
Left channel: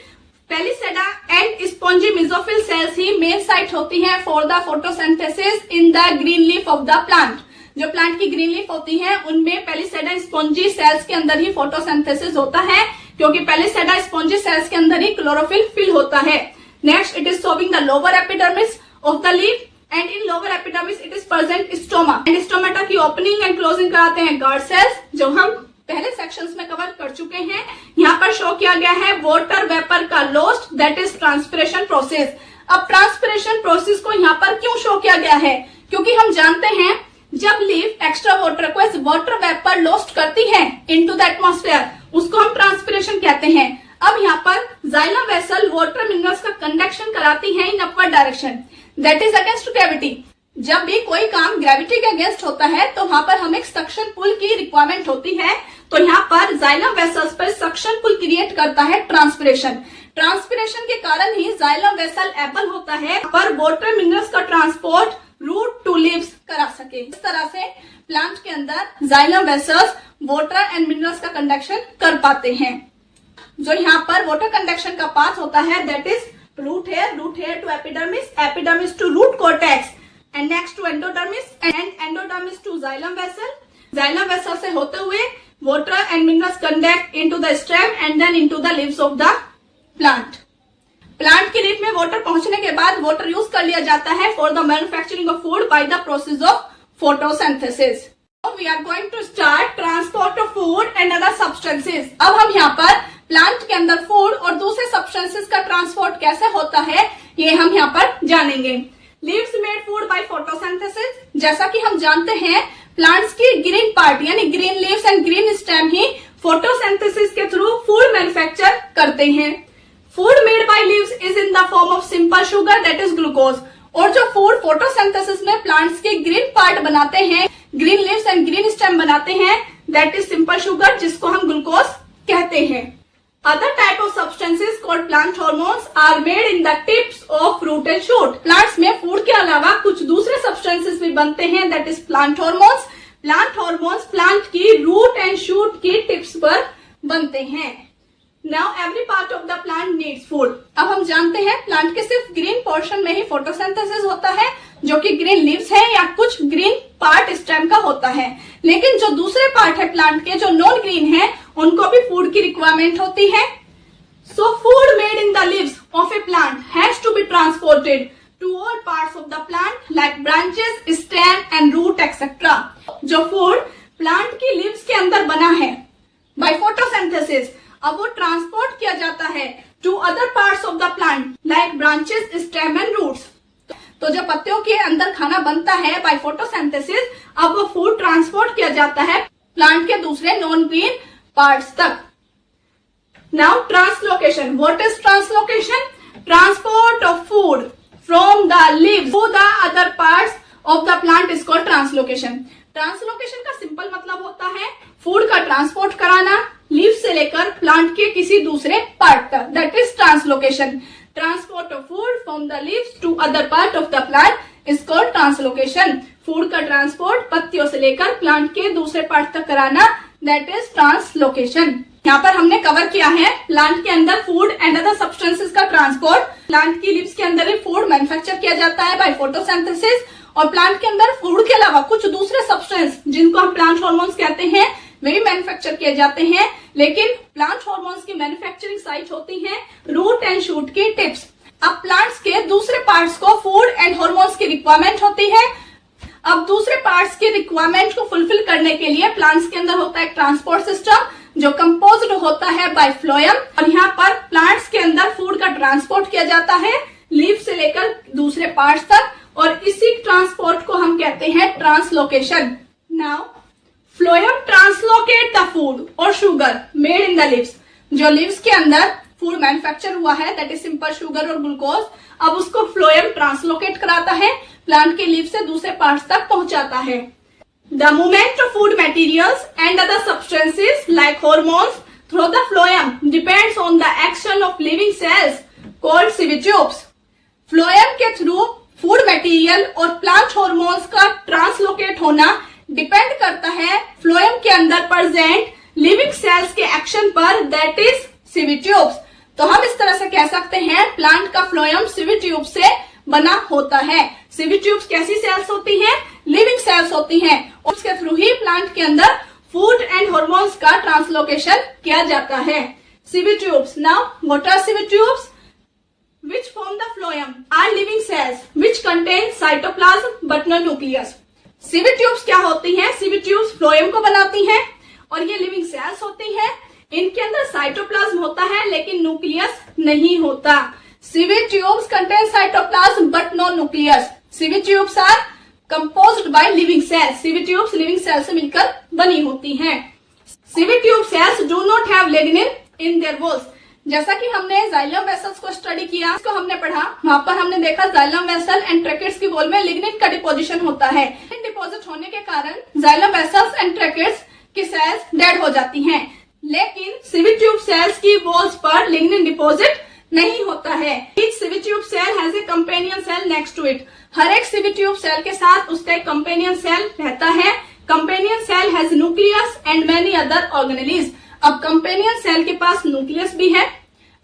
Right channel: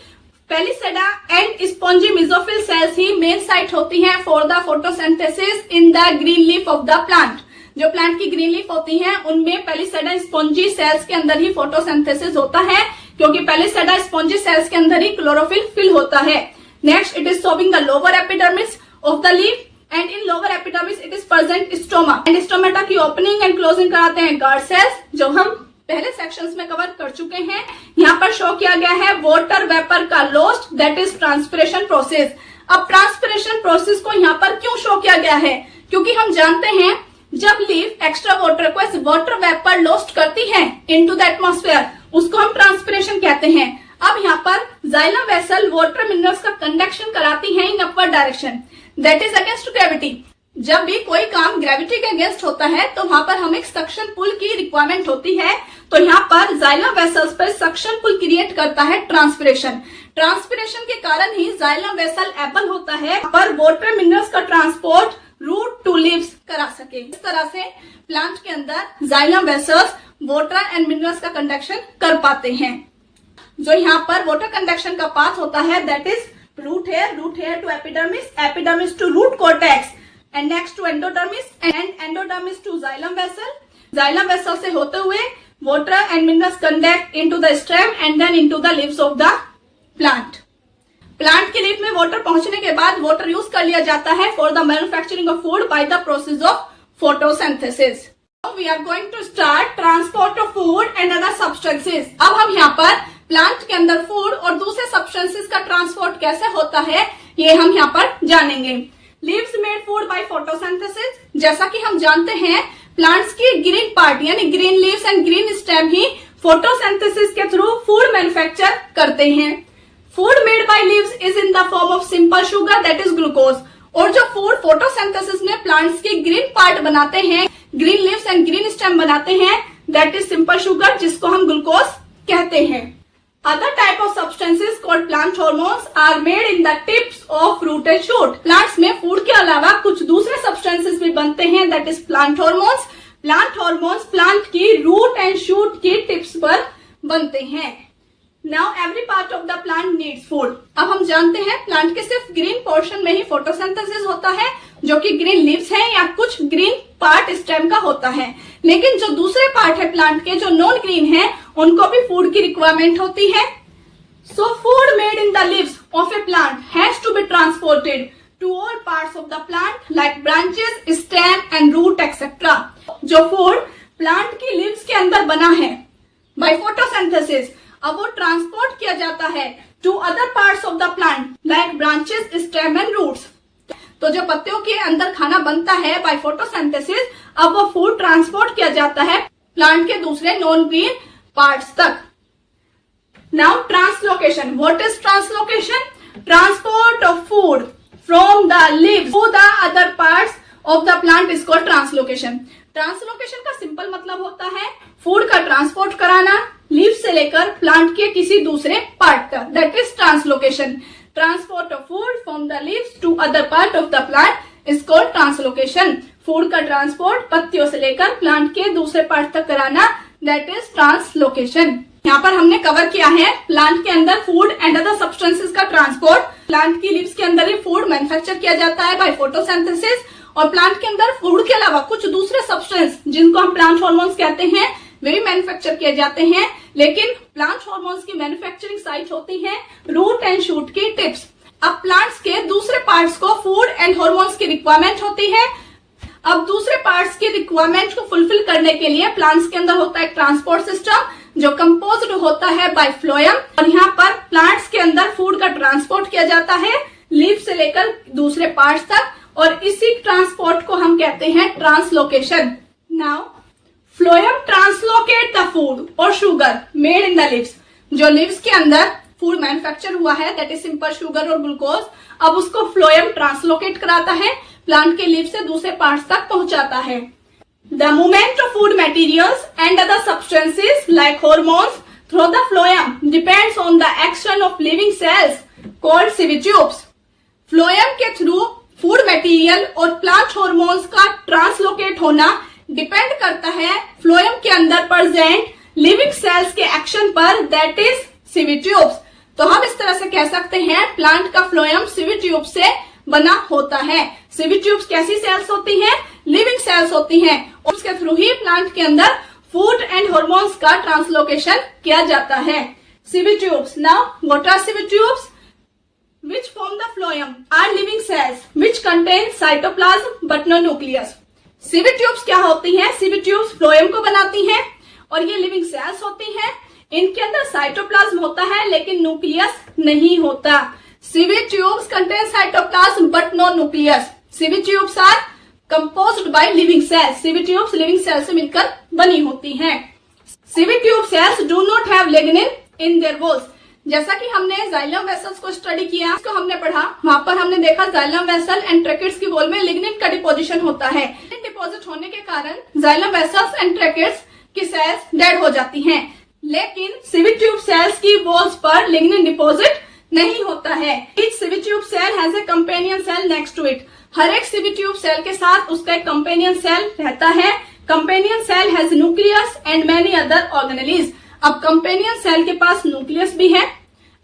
Palisade and spongy mesophyll cells ही मेन साइट होती हैं for the photosynthesis in the green leaf of the plant. जो प्लांट की ग्रीन लीफ होती हैं उनमें पेलिसेडा स्पॉन्जी सेल्स के अंदर ही फोटोसिंथेसिस होता है, क्योंकि पेलिसेडा स्पॉन्जी सेल्स के अंदर ही क्लोरोफिल फिल होता है. Next, it is sowing the lower epidermis of the leaf and in lower epidermis it is present stoma. And stomata की ओपनिंग एंड क्लोजिंग कराते हैं गार्ड सेल्स, जो हम पहले सेक्शंस में कवर कर चुके हैं. यहाँ पर शो किया गया है वाटर वेपर का lost, that is transpiration process. अब ट्रांसपिरेशन प्रोसेस को यहाँ पर क्यों शो किया गया है? क्योंकि हम जानते हैं जब लीफ एक्स्ट्रा वाटर को एज वाटर वेपर लॉस्ट करती है इनटू द एटमॉस्फेयर, उसको हम ट्रांसपिरेशन कहते हैं. अब यहाँ पर जाइलम वेसल वाटर मिनरल्स का कंडक्शन कराती है इन upward direction, that is against gravity. जब भी कोई काम ग्रेविटी के अगेंस्ट होता है तो वहां पर हमें सक्शन पुल की रिक्वायरमेंट होती है. तो यहाँ पर जाइलम वेसल्स पर सक्शन पुल क्रिएट करता है ट्रांसपिरेशन. ट्रांसपिरेशन के कारण ही जाइलम वेसल एबल होता है पर वाटर मिनरल्स का ट्रांसपोर्ट रूट टू लीव्स करा सके. इस तरह से प्लांट के अंदर xylem vessels water and minerals का कंडक्शन कर पाते हैं. जो यहाँ पर वाटर कंडक्शन का पाथ होता है that is root hair to epidermis, epidermis to root cortex, and next to endodermis and endodermis to xylem vessel. Xylem vessel से होते हुए water and minerals conduct into the stem and then into the leaves of the plant. Plant की लीफ में वाटर पहुंचने के बाद वाटर यूज कर लिया जाता है for the manufacturing of food by the process of photosynthesis. We are going to start transport of food and other substances. अब हम यहाँ पर प्लांट के अंदर फूड और दूसरे सब्सटेंसेस का ट्रांसपोर्ट कैसे होता है ये हम यहाँ पर जानेंगे. Leaves made food by photosynthesis. जैसा कि हम जानते हैं प्लांट्स की ग्रीन पार्ट यानी green leaves and green stem he photosynthesis के थ्रू फूड मैन्युफैक्चर करते हैं. Food made by leaves is in the form of simple sugar that is glucose. और जो फूड फोटोसिंथेसिस में प्लांट्स के ग्रीन पार्ट बनाते हैं, green leaves and green stem बनाते हैं, दैट इज सिंपल शुगर, जिसको हम ग्लूकोज कहते हैं. Other type of substances called plant hormones are made in the tips of root and shoot. Plants में फूड के अलावा कुछ दूसरे substances भी बनते हैं, that is plant hormones. Plant hormones plant की root and shoot की tips पर बनते हैं. Now every part of the plant needs food. अब हम जानते हैं प्लांट के सिर्फ ग्रीन पोर्शन में ही फोटोसिंथेसिस होता है, जो कि ग्रीन लीव्स है या कुछ ग्रीन पार्ट स्टेम का होता है. लेकिन जो दूसरे पार्ट है प्लांट के जो नॉन ग्रीन है उनको भी फूड की रिक्वायरमेंट होती है. So food made in the leaves of a plant has to be transported to all parts of the plant like branches, stem and root etcetera. जो फूड प्लांट की लीव्स के अंदर बना है बाय फोटोसिंथेसिस, अब वो ट्रांसपोर्ट किया जाता है to other parts of the plant like branches, stem and roots. तो जो पत्तियों के अंदर खाना बनता है बाय फोटोसिंथेसिस, अब वो फूड ट्रांसपोर्ट किया जाता है प्लांट के दूसरे नॉन ग्रीन पार्ट्स तक. Now translocation. What is translocation? Transport of food from the leaves to the other parts of the plant is called translocation. Translocation का सिंपल मतलब होता है फूड का ट्रांसपोर्ट कराना लीव्स से लेकर प्लांट के किसी दूसरे पार्ट तक, that is translocation. Transport of food from the leaves to other part of the plant is called translocation. Food का ट्रांसपोर्ट पत्तियों से लेकर प्लांट के दूसरे पार्ट तक कराना, दैट इज ट्रांसलोकेशन. यहाँ पर हमने कवर किया है प्लांट के अंदर फूड एंड अदर सब्सटेंसेस का ट्रांसपोर्ट. प्लांट की लीव्स के अंदर ही फूड मैन्युफैक्चर किया जाता है बाय फोटोसिंथेसिस, और प्लांट के अंदर फूड के अलावा कुछ दूसरे सब्सटेंस जिनको हम प्लांट हार्मोन्स कहते हैं वे भी मैन्युफैक्चर किए जाते हैं. लेकिन प्लांट हार्मोन्स की मैन्युफैक्चरिंग साइट होती है रूट एंड शूट की टिप्स. अब प्लांट्स के दूसरे पार्ट्स को फूड एंड हार्मोन्स की रिक्वायरमेंट होती है. अब दूसरे पार्ट्स की रिक्वायरमेंट को फुलफिल करने के लिए प्लांट्स के अंदर होता है ट्रांसपोर्ट सिस्टम जो कंपोज्ड होता है बाय फ्लोएम, और यहाँ पर प्लांट्स के अंदर फूड का ट्रांसपोर्ट किया जाता है लीफ से लेकर दूसरे पार्ट्स तक, और इसी ट्रांसपोर्ट को हम कहते हैं translocation. Now phloem translocate the food or sugar made in the leaves. जो लिव्स के अंदर फूड मैन्युफैक्चर हुआ है, that is simple sugar or glucose, अब उसको फ्लोएम ट्रांसलोकेट कराता है, प्लांट के लीव से दूसरे पार्ट्स तक पहुंचाता है। The movement of food materials and other substances like hormones through the phloem depends on the action of living cells called sieve tubes. Phloem के थ्रू फूड मटेरियल और प्लांट हॉर्मोन्स का ट्रांसलोकेट होना डिपेंड करता है फ्लोएम के अंदर प्रेजेंट लिविंग सेल्स के एक्शन पर, दैट इज सिवी ट्यूब्स। तो हम इस तरह से कह सकते हैं प्लांट का फ्लोएम सिवी ट्यूब से बना होता है। सिवी ट्यूब्स कैसी सेल्स होती हैं? लिविंग सेल्स होती हैं। उसके थ्रू ही प्लांट के अंदर फूड एंड हॉर्मोन्स का ट्रांसलोकेशन किया जाता है। Sieve tubes. Now what are sieve tubes? Which form the phloem are living cells which contain cytoplasm but no nucleus. Sieve tubes क्या होती हैं? सिवी ट्यूब्स फ्लोएम को बनाती हैं और ये लिविंग सेल्स होती हैं। इनके अंदर साइटोप्लाज्म होता है लेकिन न्यूक्लियस नहीं होता। Sieve tubes contain cytoplasm but no nucleus. Sieve tubes are composed by living cells. Sieve tubes living cells से मिलकर बनी होती हैं। Sieve tube cells do not have lignin in their walls. जैसा कि हमने जाइलम वेसल्स को स्टडी किया, इसको हमने पढ़ा, वहां पर हमने देखा जाइलम वेसल एंड ट्रैकेट्स की वॉल में लिग्निन का डिपोजिशन होता है। डिपोजिट होने के कारण जाइलम वेसल्स एंड ट्रैकेट्स की सेल्स डेड हो जाती हैं, लेकिन सिवी ट्यूब सेल्स की वॉल्स पर लिग्निन डिपोजिट नहीं होता है। Each sieve tube cell has a companion cell next to it. हर एक सिवी ट्यूब सेल के साथ उसका एक कंपेनियन सेल रहता है। Companion cell has nucleus and many other organelles. अब कंपेनियन सेल के पास न्यूक्लियस भी है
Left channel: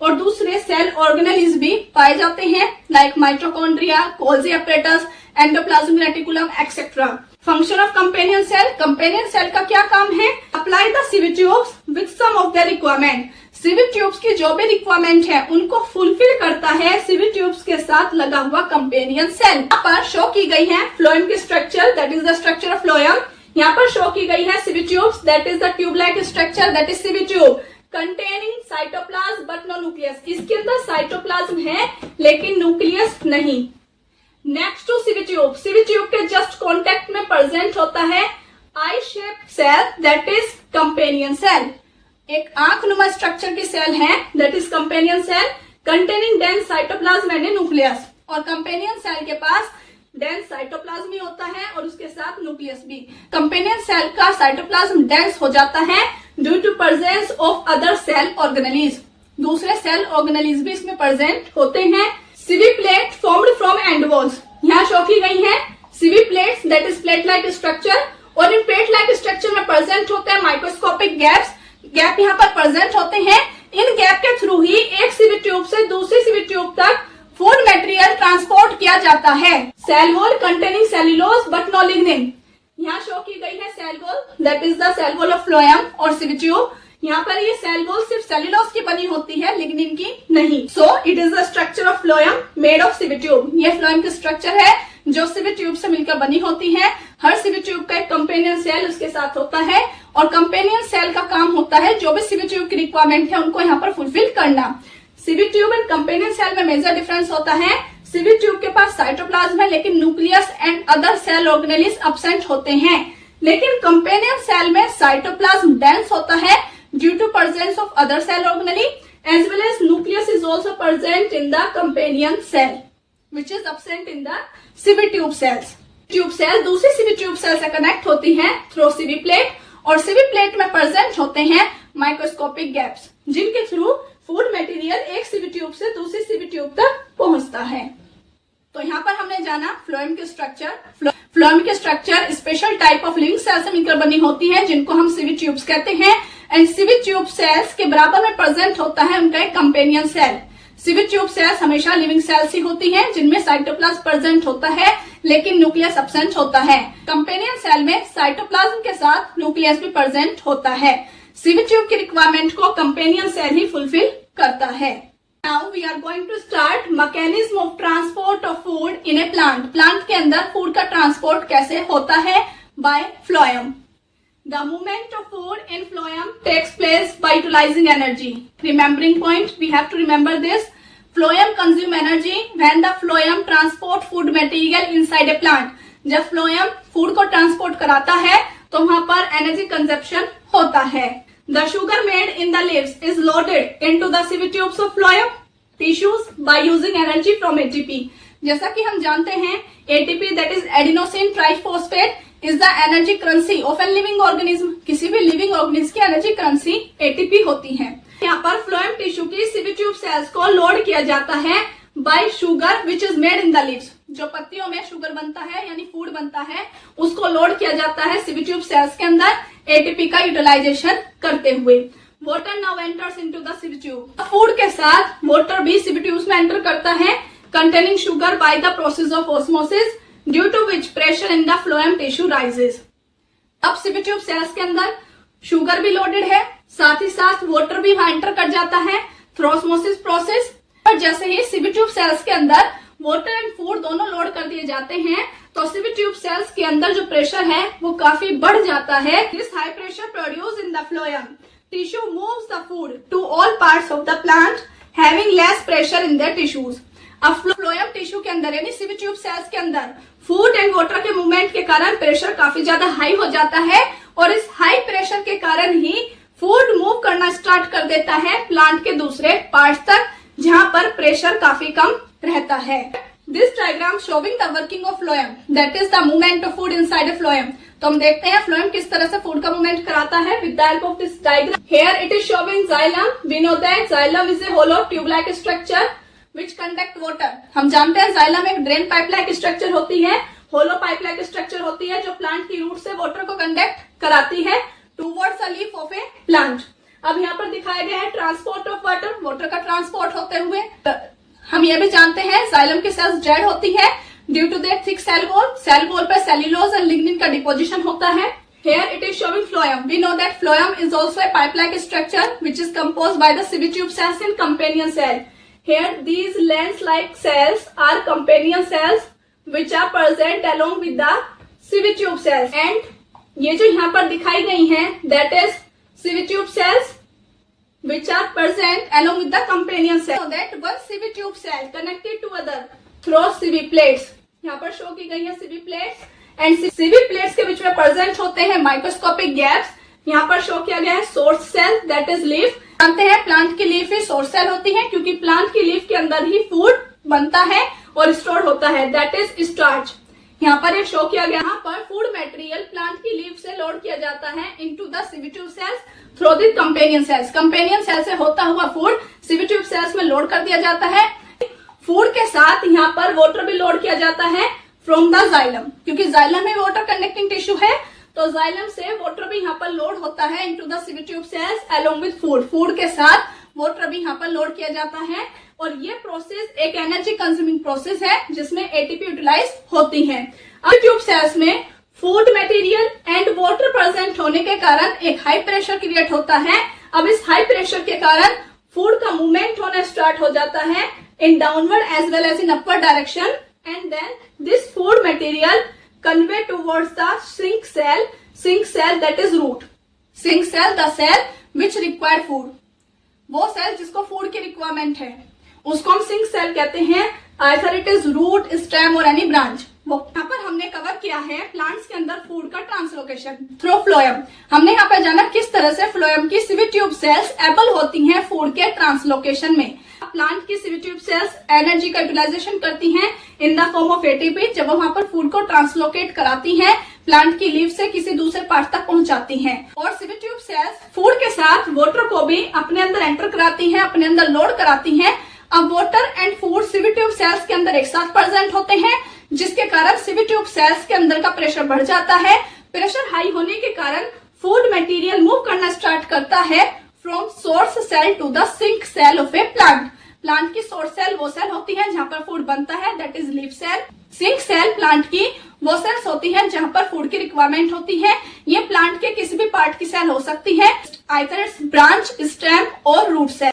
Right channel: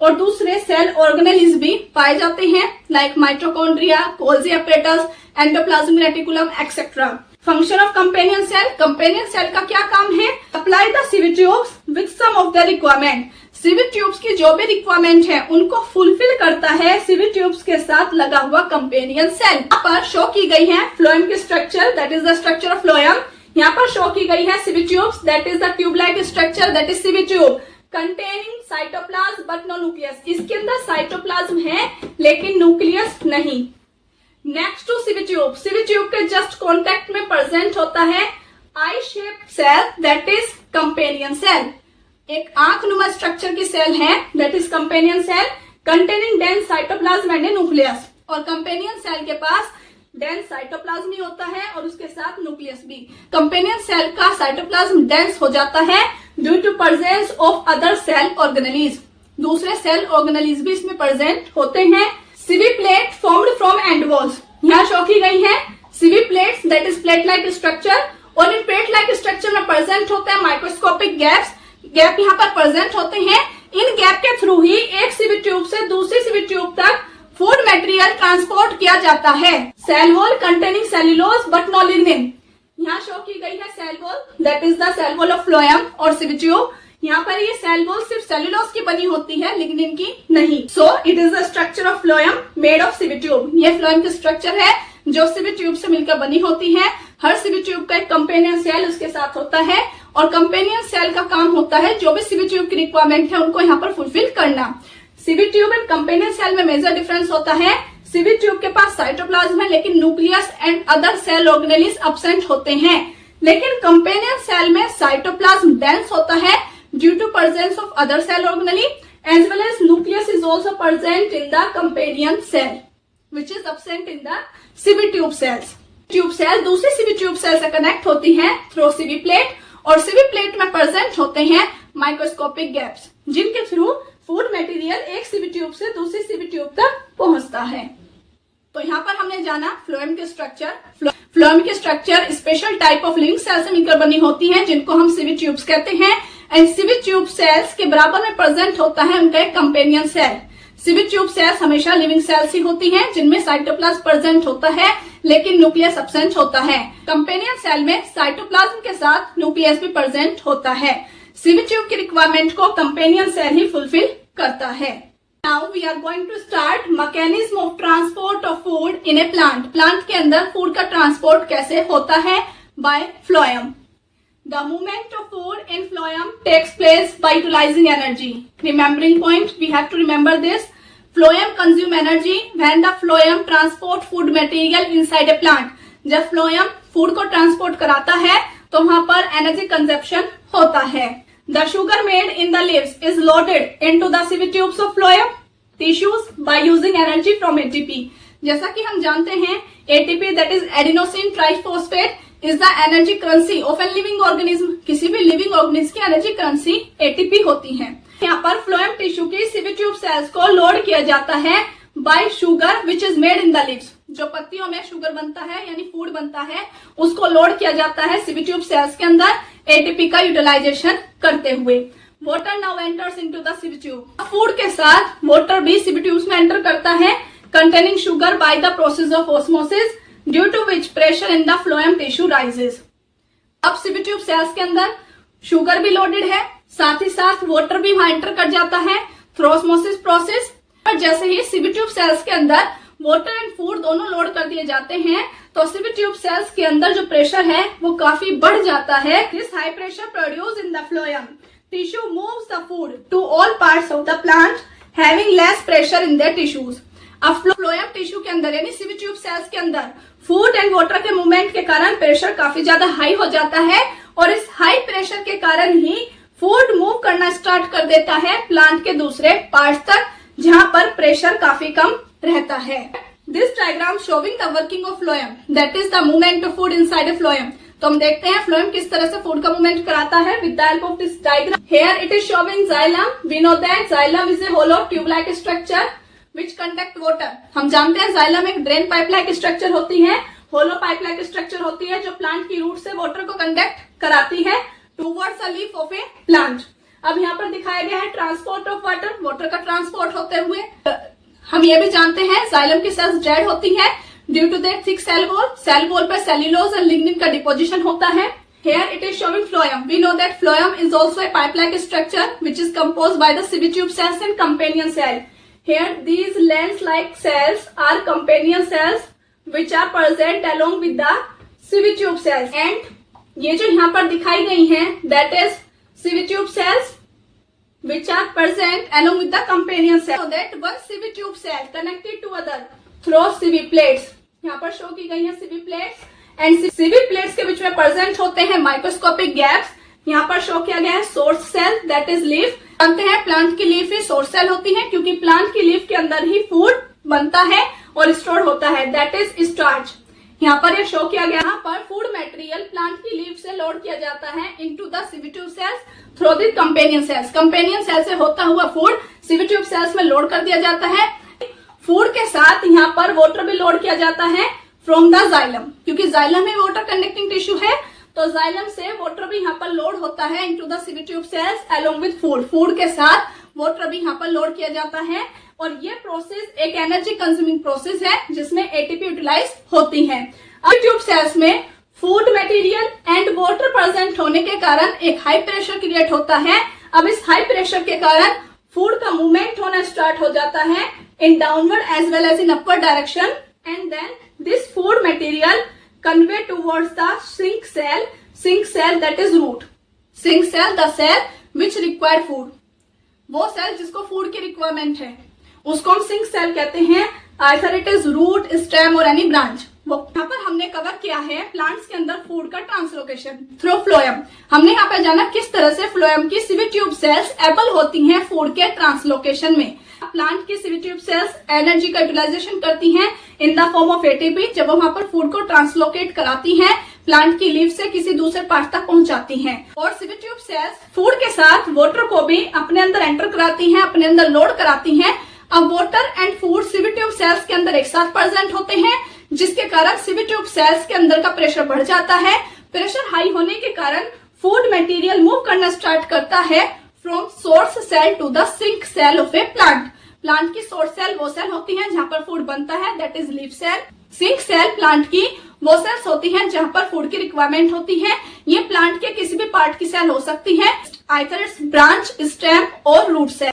और दूसरे सेल ऑर्गेनेलीज भी पाए जाते हैं, like mitochondria, Golgi apparatus, endoplasmic reticulum etcetera. Function of companion cell. Companion cell का क्या काम है? Apply the sieve tubes with some of the requirement. Sieve tubes की जो भी रिक्वायरमेंट है उनको फुलफिल करता है सिवी ट्यूब्स के साथ लगा हुआ कंपेनियन सेल। यहाँ पर शो की गई है फ्लोएम की structure, that is the structure of phloem. यहाँ पर शो की गई है sieve tubes, that is the tube like structure, that is sieve tube containing cytoplasm but no nucleus. इसके अंदर साइटोप्लाज्म है लेकिन न्यूक्लियस नहीं। Next to sieve tube. Sieve tube के जस्ट कॉन्टेक्ट में प्रेजेंट होता है eye shape cell, that is companion cell. एक आंखनुमा स्ट्रक्चर की सेल है, that is companion cell containing dense cytoplasm and nucleus. और कंपेनियन सेल के पास डेंस साइटोप्लाज्म भी होता है और उसके साथ न्यूक्लियस भी। कंपेनियन सेल का साइटोप्लाज्म डेंस हो जाता है due to presence of other cell organelles. दूसरे सेल ऑर्गेनेलीज भी इसमें प्रेजेंट होते हैं। Sieve plate formed from end walls. यहाँ शो की गई है sieve plates, that is plate like structure. और इन प्लेट लाइक स्ट्रक्चर में प्रेजेंट होते हैं माइक्रोस्कोपिक गैप्स। गैप यहाँ पर प्रेजेंट होते हैं। इन गैप के थ्रू ही एक सिवी ट्यूब से दूसरी सिवी ट्यूब तक फूड मटेरियल ट्रांसपोर्ट किया जाता है। Cell wall containing cellulose but no lignin. यहाँ शो की गई है cell wall, that is the cell wall of phloem और सिवी ट्यूब। यहाँ पर ये सेल वॉल सिर्फ सेल्यूलोज की बनी होती है, लिग्निन की नहीं। So it is the structure of phloem made of sieve tube. ये फ्लोएम की स्ट्रक्चर है जो सिवी ट्यूब से मिलकर बनी होती है। हर सिवी ट्यूब का एक कंपेनियन सेल उसके साथ होता है और कंपेनियन सेल का काम होता है जो भी सिवी ट्यूब की रिक्वायरमेंट है उनको यहाँ पर फुलफिल करना। Sieve tube and companion cell में मेजर डिफरेंस होता है। सिवी ट्यूब के पास साइटोप्लाज्म है लेकिन nucleus and other cell organelles absent होते हैं, लेकिन कंपेनियन सेल में साइटोप्लाज्म डेंस होता है due to presence of other cell organelle as well as nucleus is also present in the companion cell which is absent in the sieve tube cells. Tube cell दूसरी सिवी ट्यूब सेल से कनेक्ट होती है थ्रू सिवी प्लेट और सिवी प्लेट में प्रेजेंट होते हैं माइक्रोस्कोपिक गैप्स जिनके थ्रू फूड मटेरियल एक सिवी ट्यूब से दूसरी सिवी ट्यूब तक पहुंचता है। तो यहाँ पर हमने जाना फ्लोएम के स्ट्रक्चर। फ्लोएम के structure special type of living cell से मिलकर बनी होती है जिनको हम सिवी ट्यूब्स कहते हैं। एंड सिवी ट्यूब सेल्स के बराबर में प्रेजेंट होता है उनका एक कंपेनियन सेल। सिवी ट्यूब सेल्स हमेशा लिविंग सेल्स ही होती हैं जिनमें साइटोप्लाज्म प्रेजेंट होता है लेकिन न्यूक्लियस एब्सेंट होता है। कंपेनियन सेल में साइटोप्लाज्म के साथ न्यूक्लियस भी प्रेजेंट होता है। सिवी ट्यूब की रिक्वायरमेंट को कंपेनियन सेल ही फुलफिल करता है। Now we are going to start mechanism of transport of food in a plant. Plant के अंदर फूड का ट्रांसपोर्ट कैसे होता है? By phloem. The movement of food in phloem takes place by utilizing energy. Remembering point, we have to remember this. Phloem consume energy when the phloem transport food material inside a plant. जब phloem फूड को ट्रांसपोर्ट कराता है तो वहां पर एनर्जी कंजप्शन होता है। The sugar made in the leaves is loaded into the sieve tubes of phloem tissues by using energy from ATP. जैसा कि हम जानते हैं ATP that is adenosine triphosphate is the energy currency of an living organism. किसी भी लिविंग ऑर्गेनिज्म की एनर्जी करेंसी एटीपी होती है। यहाँ पर फ्लोएम टिश्यू की सीवी ट्यूब सेल्स को लोड किया जाता है bye sugar which is made in the leaves. जो पत्तियों में शुगर बनता है यानी फूड बनता है उसको लोड किया जाता है सीवी ट्यूब सेल्स के अंदर एटीपी का यूटिलाइजेशन करते हुए। Water now enters into the sieve tube. Food के साथ वाटर भी सीवी ट्यूब्स में एंटर करता है containing sugar by the process of osmosis due to which pressure in the phloem tissue rises। अब सीवी ट्यूब सेल्स के अंदर शुगर भी लोडेड है, साथ ही साथ वाटर भी वहां एंटर कर जाता है थ्रू ऑस्मोसिस प्रोसेस। और जैसे ही सीवी ट्यूब सेल्स के अंदर वाटर एंड फूड दोनों लोड कर दिए जाते हैं तो सीवी ट्यूब सेल्स के अंदर जो प्रेशर है वो काफी बढ़ जाता है। This high pressure produce in the phloem tissue moves the food to all parts of the plant having less pressure in their tissues. अब फ्लोएम टिश्यू के अंदर यानी सीवी ट्यूब सेल्स के अंदर फूड एंड वाटर के मूवमेंट के कारण प्रेशर काफी ज्यादा हाई हो जाता है और इस हाई प्रेशर के कारण ही फूड मूव करना स्टार्ट कर देता है प्लांट के दूसरे पार्ट्स तक जहां पर प्रेशर काफी कम रहता है। This diagram showing the working of phloem that is the movement of food inside a phloem. तो हम देखते हैं फ्लोएम किस तरह से फूड का मूवमेंट कराता है with the help of this diagram. Here it is showing xylem. We know that xylem is a hollow tube like structure which conduct water. हम जानते हैं जाइलम एक ड्रेन पाइप लाइक स्ट्रक्चर होती है, होलो पाइप लाइक स्ट्रक्चर होती है जो प्लांट की रूट से वाटर को कंडक्ट कराती है towards a leaf of a plant. अब यहाँ पर दिखाया गया है ट्रांसपोर्ट ऑफ वाटर, वाटर का ट्रांसपोर्ट होते हुए। हम ये भी जानते हैं जाइलम की सेल्स डेड होती है due to their thick cell wall पर सेल्यूलोज और लिग्निन का डिपोजिशन होता है। Here it is showing phloem. We know that phloem is also a pipe-like structure which is composed by the sieve tube cells and companion cell. Here these lens-like cells are companion cells which are present along with the sieve tube cells. And ये जो यहाँ पर दिखाई गई हैं that is sieve tube cells which are present along with the companion cell. So that one sieve tube cell connected to other through sieve plates. यहाँ पर शो की गई है sieve plates. And CV plates के बीच में प्रेजेंट होते हैं माइक्रोस्कोपिक गैप्स। यहाँ पर शो किया गया है source cell that is leaf. जानते हैं प्लांट की लीफ ही सोर्स सेल होती है क्योंकि प्लांट की लीफ के अंदर ही फूड बनता है और स्टोर होता है दैट इज स्टार्च। यहाँ पर ये शो किया गया यहाँ पर फूड मटेरियल प्लांट की लीफ से लोड किया जाता है into the sieve tube cells through the companion cells. Companion cell से होता हुआ फूड सीवी ट्यूब सेल्स में लोड कर दिया जाता है। फूड के साथ यहाँ पर वाटर भी लोड किया जाता है फ्रॉम द जाइलम, क्योंकि जाइलम में वाटर कनेक्टिंग टिश्यू है तो जाइलम से वाटर भी यहाँ पर लोड होता है into the sieve tube sales along with food. Food के साथ वाटर भी यहाँ पर लोड किया जाता है और ये प्रोसेस एक एनर्जी कंज्यूमिंग प्रोसेस है जिसमें एटीपी यूटिलाइज होती है। अब ट्यूब सेल्स में food material and water present होने के कारण एक हाई प्रेशर क्रिएट होता है। अब इस हाई प्रेशर के कारण फूड का मूवमेंट होना स्टार्ट हो जाता है in downward as well as in upward direction and then this food material convey towards the sink cell that is root. Sink cell the cell which require food. वो सेल जिसको फूड की रिक्वायरमेंट है उसको हम सिंक सेल कहते हैं। either it is root, stem or any branch. वो यहाँ पर हमने कवर किया है प्लांट्स के अंदर फूड का ट्रांसलोकेशन थ्रू फ्लोएम। हमने यहाँ पर जाना किस तरह से फ्लोएम की सीवी ट्यूब सेल्स एबल होती हैं फूड के ट्रांसलोकेशन में। प्लांट की सीवी ट्यूब सेल्स एनर्जी का यूटिलाइजेशन करती हैं इन द फॉर्म ऑफ एटीपी जब वो वहां पर फूड को ट्रांसलोकेट कराती हैं प्लांट की लीफ से किसी दूसरे पार्ट तक पहुंचाती हैं। और सीवी ट्यूब सेल्स फूड के साथ वाटर को भी अपने अंदर एंटर कराती हैं, अपने अंदर लोड कराती हैं। अब water and food sieve tube cells के अंदर एक साथ प्रेजेंट होते हैं जिसके कारण सीवी ट्यूब सेल्स के अंदर का प्रेशर बढ़ जाता है। प्रेशर हाई होने के कारण फूड मटेरियल मूव करना स्टार्ट करता है from source cell to the sink cell of a plant. Plant की सोर्स सेल वो सेल होती है जहां पर फूड बनता है that is leaf cell. Sink cell plant की वो सेल्स होती हैं जहां पर फूड की रिक्वायरमेंट होती है। ये प्लांट के किसी भी पार्ट की सेल हो सकती है, आइदर इट्स ब्रांच, स्टेम और रूट सेल।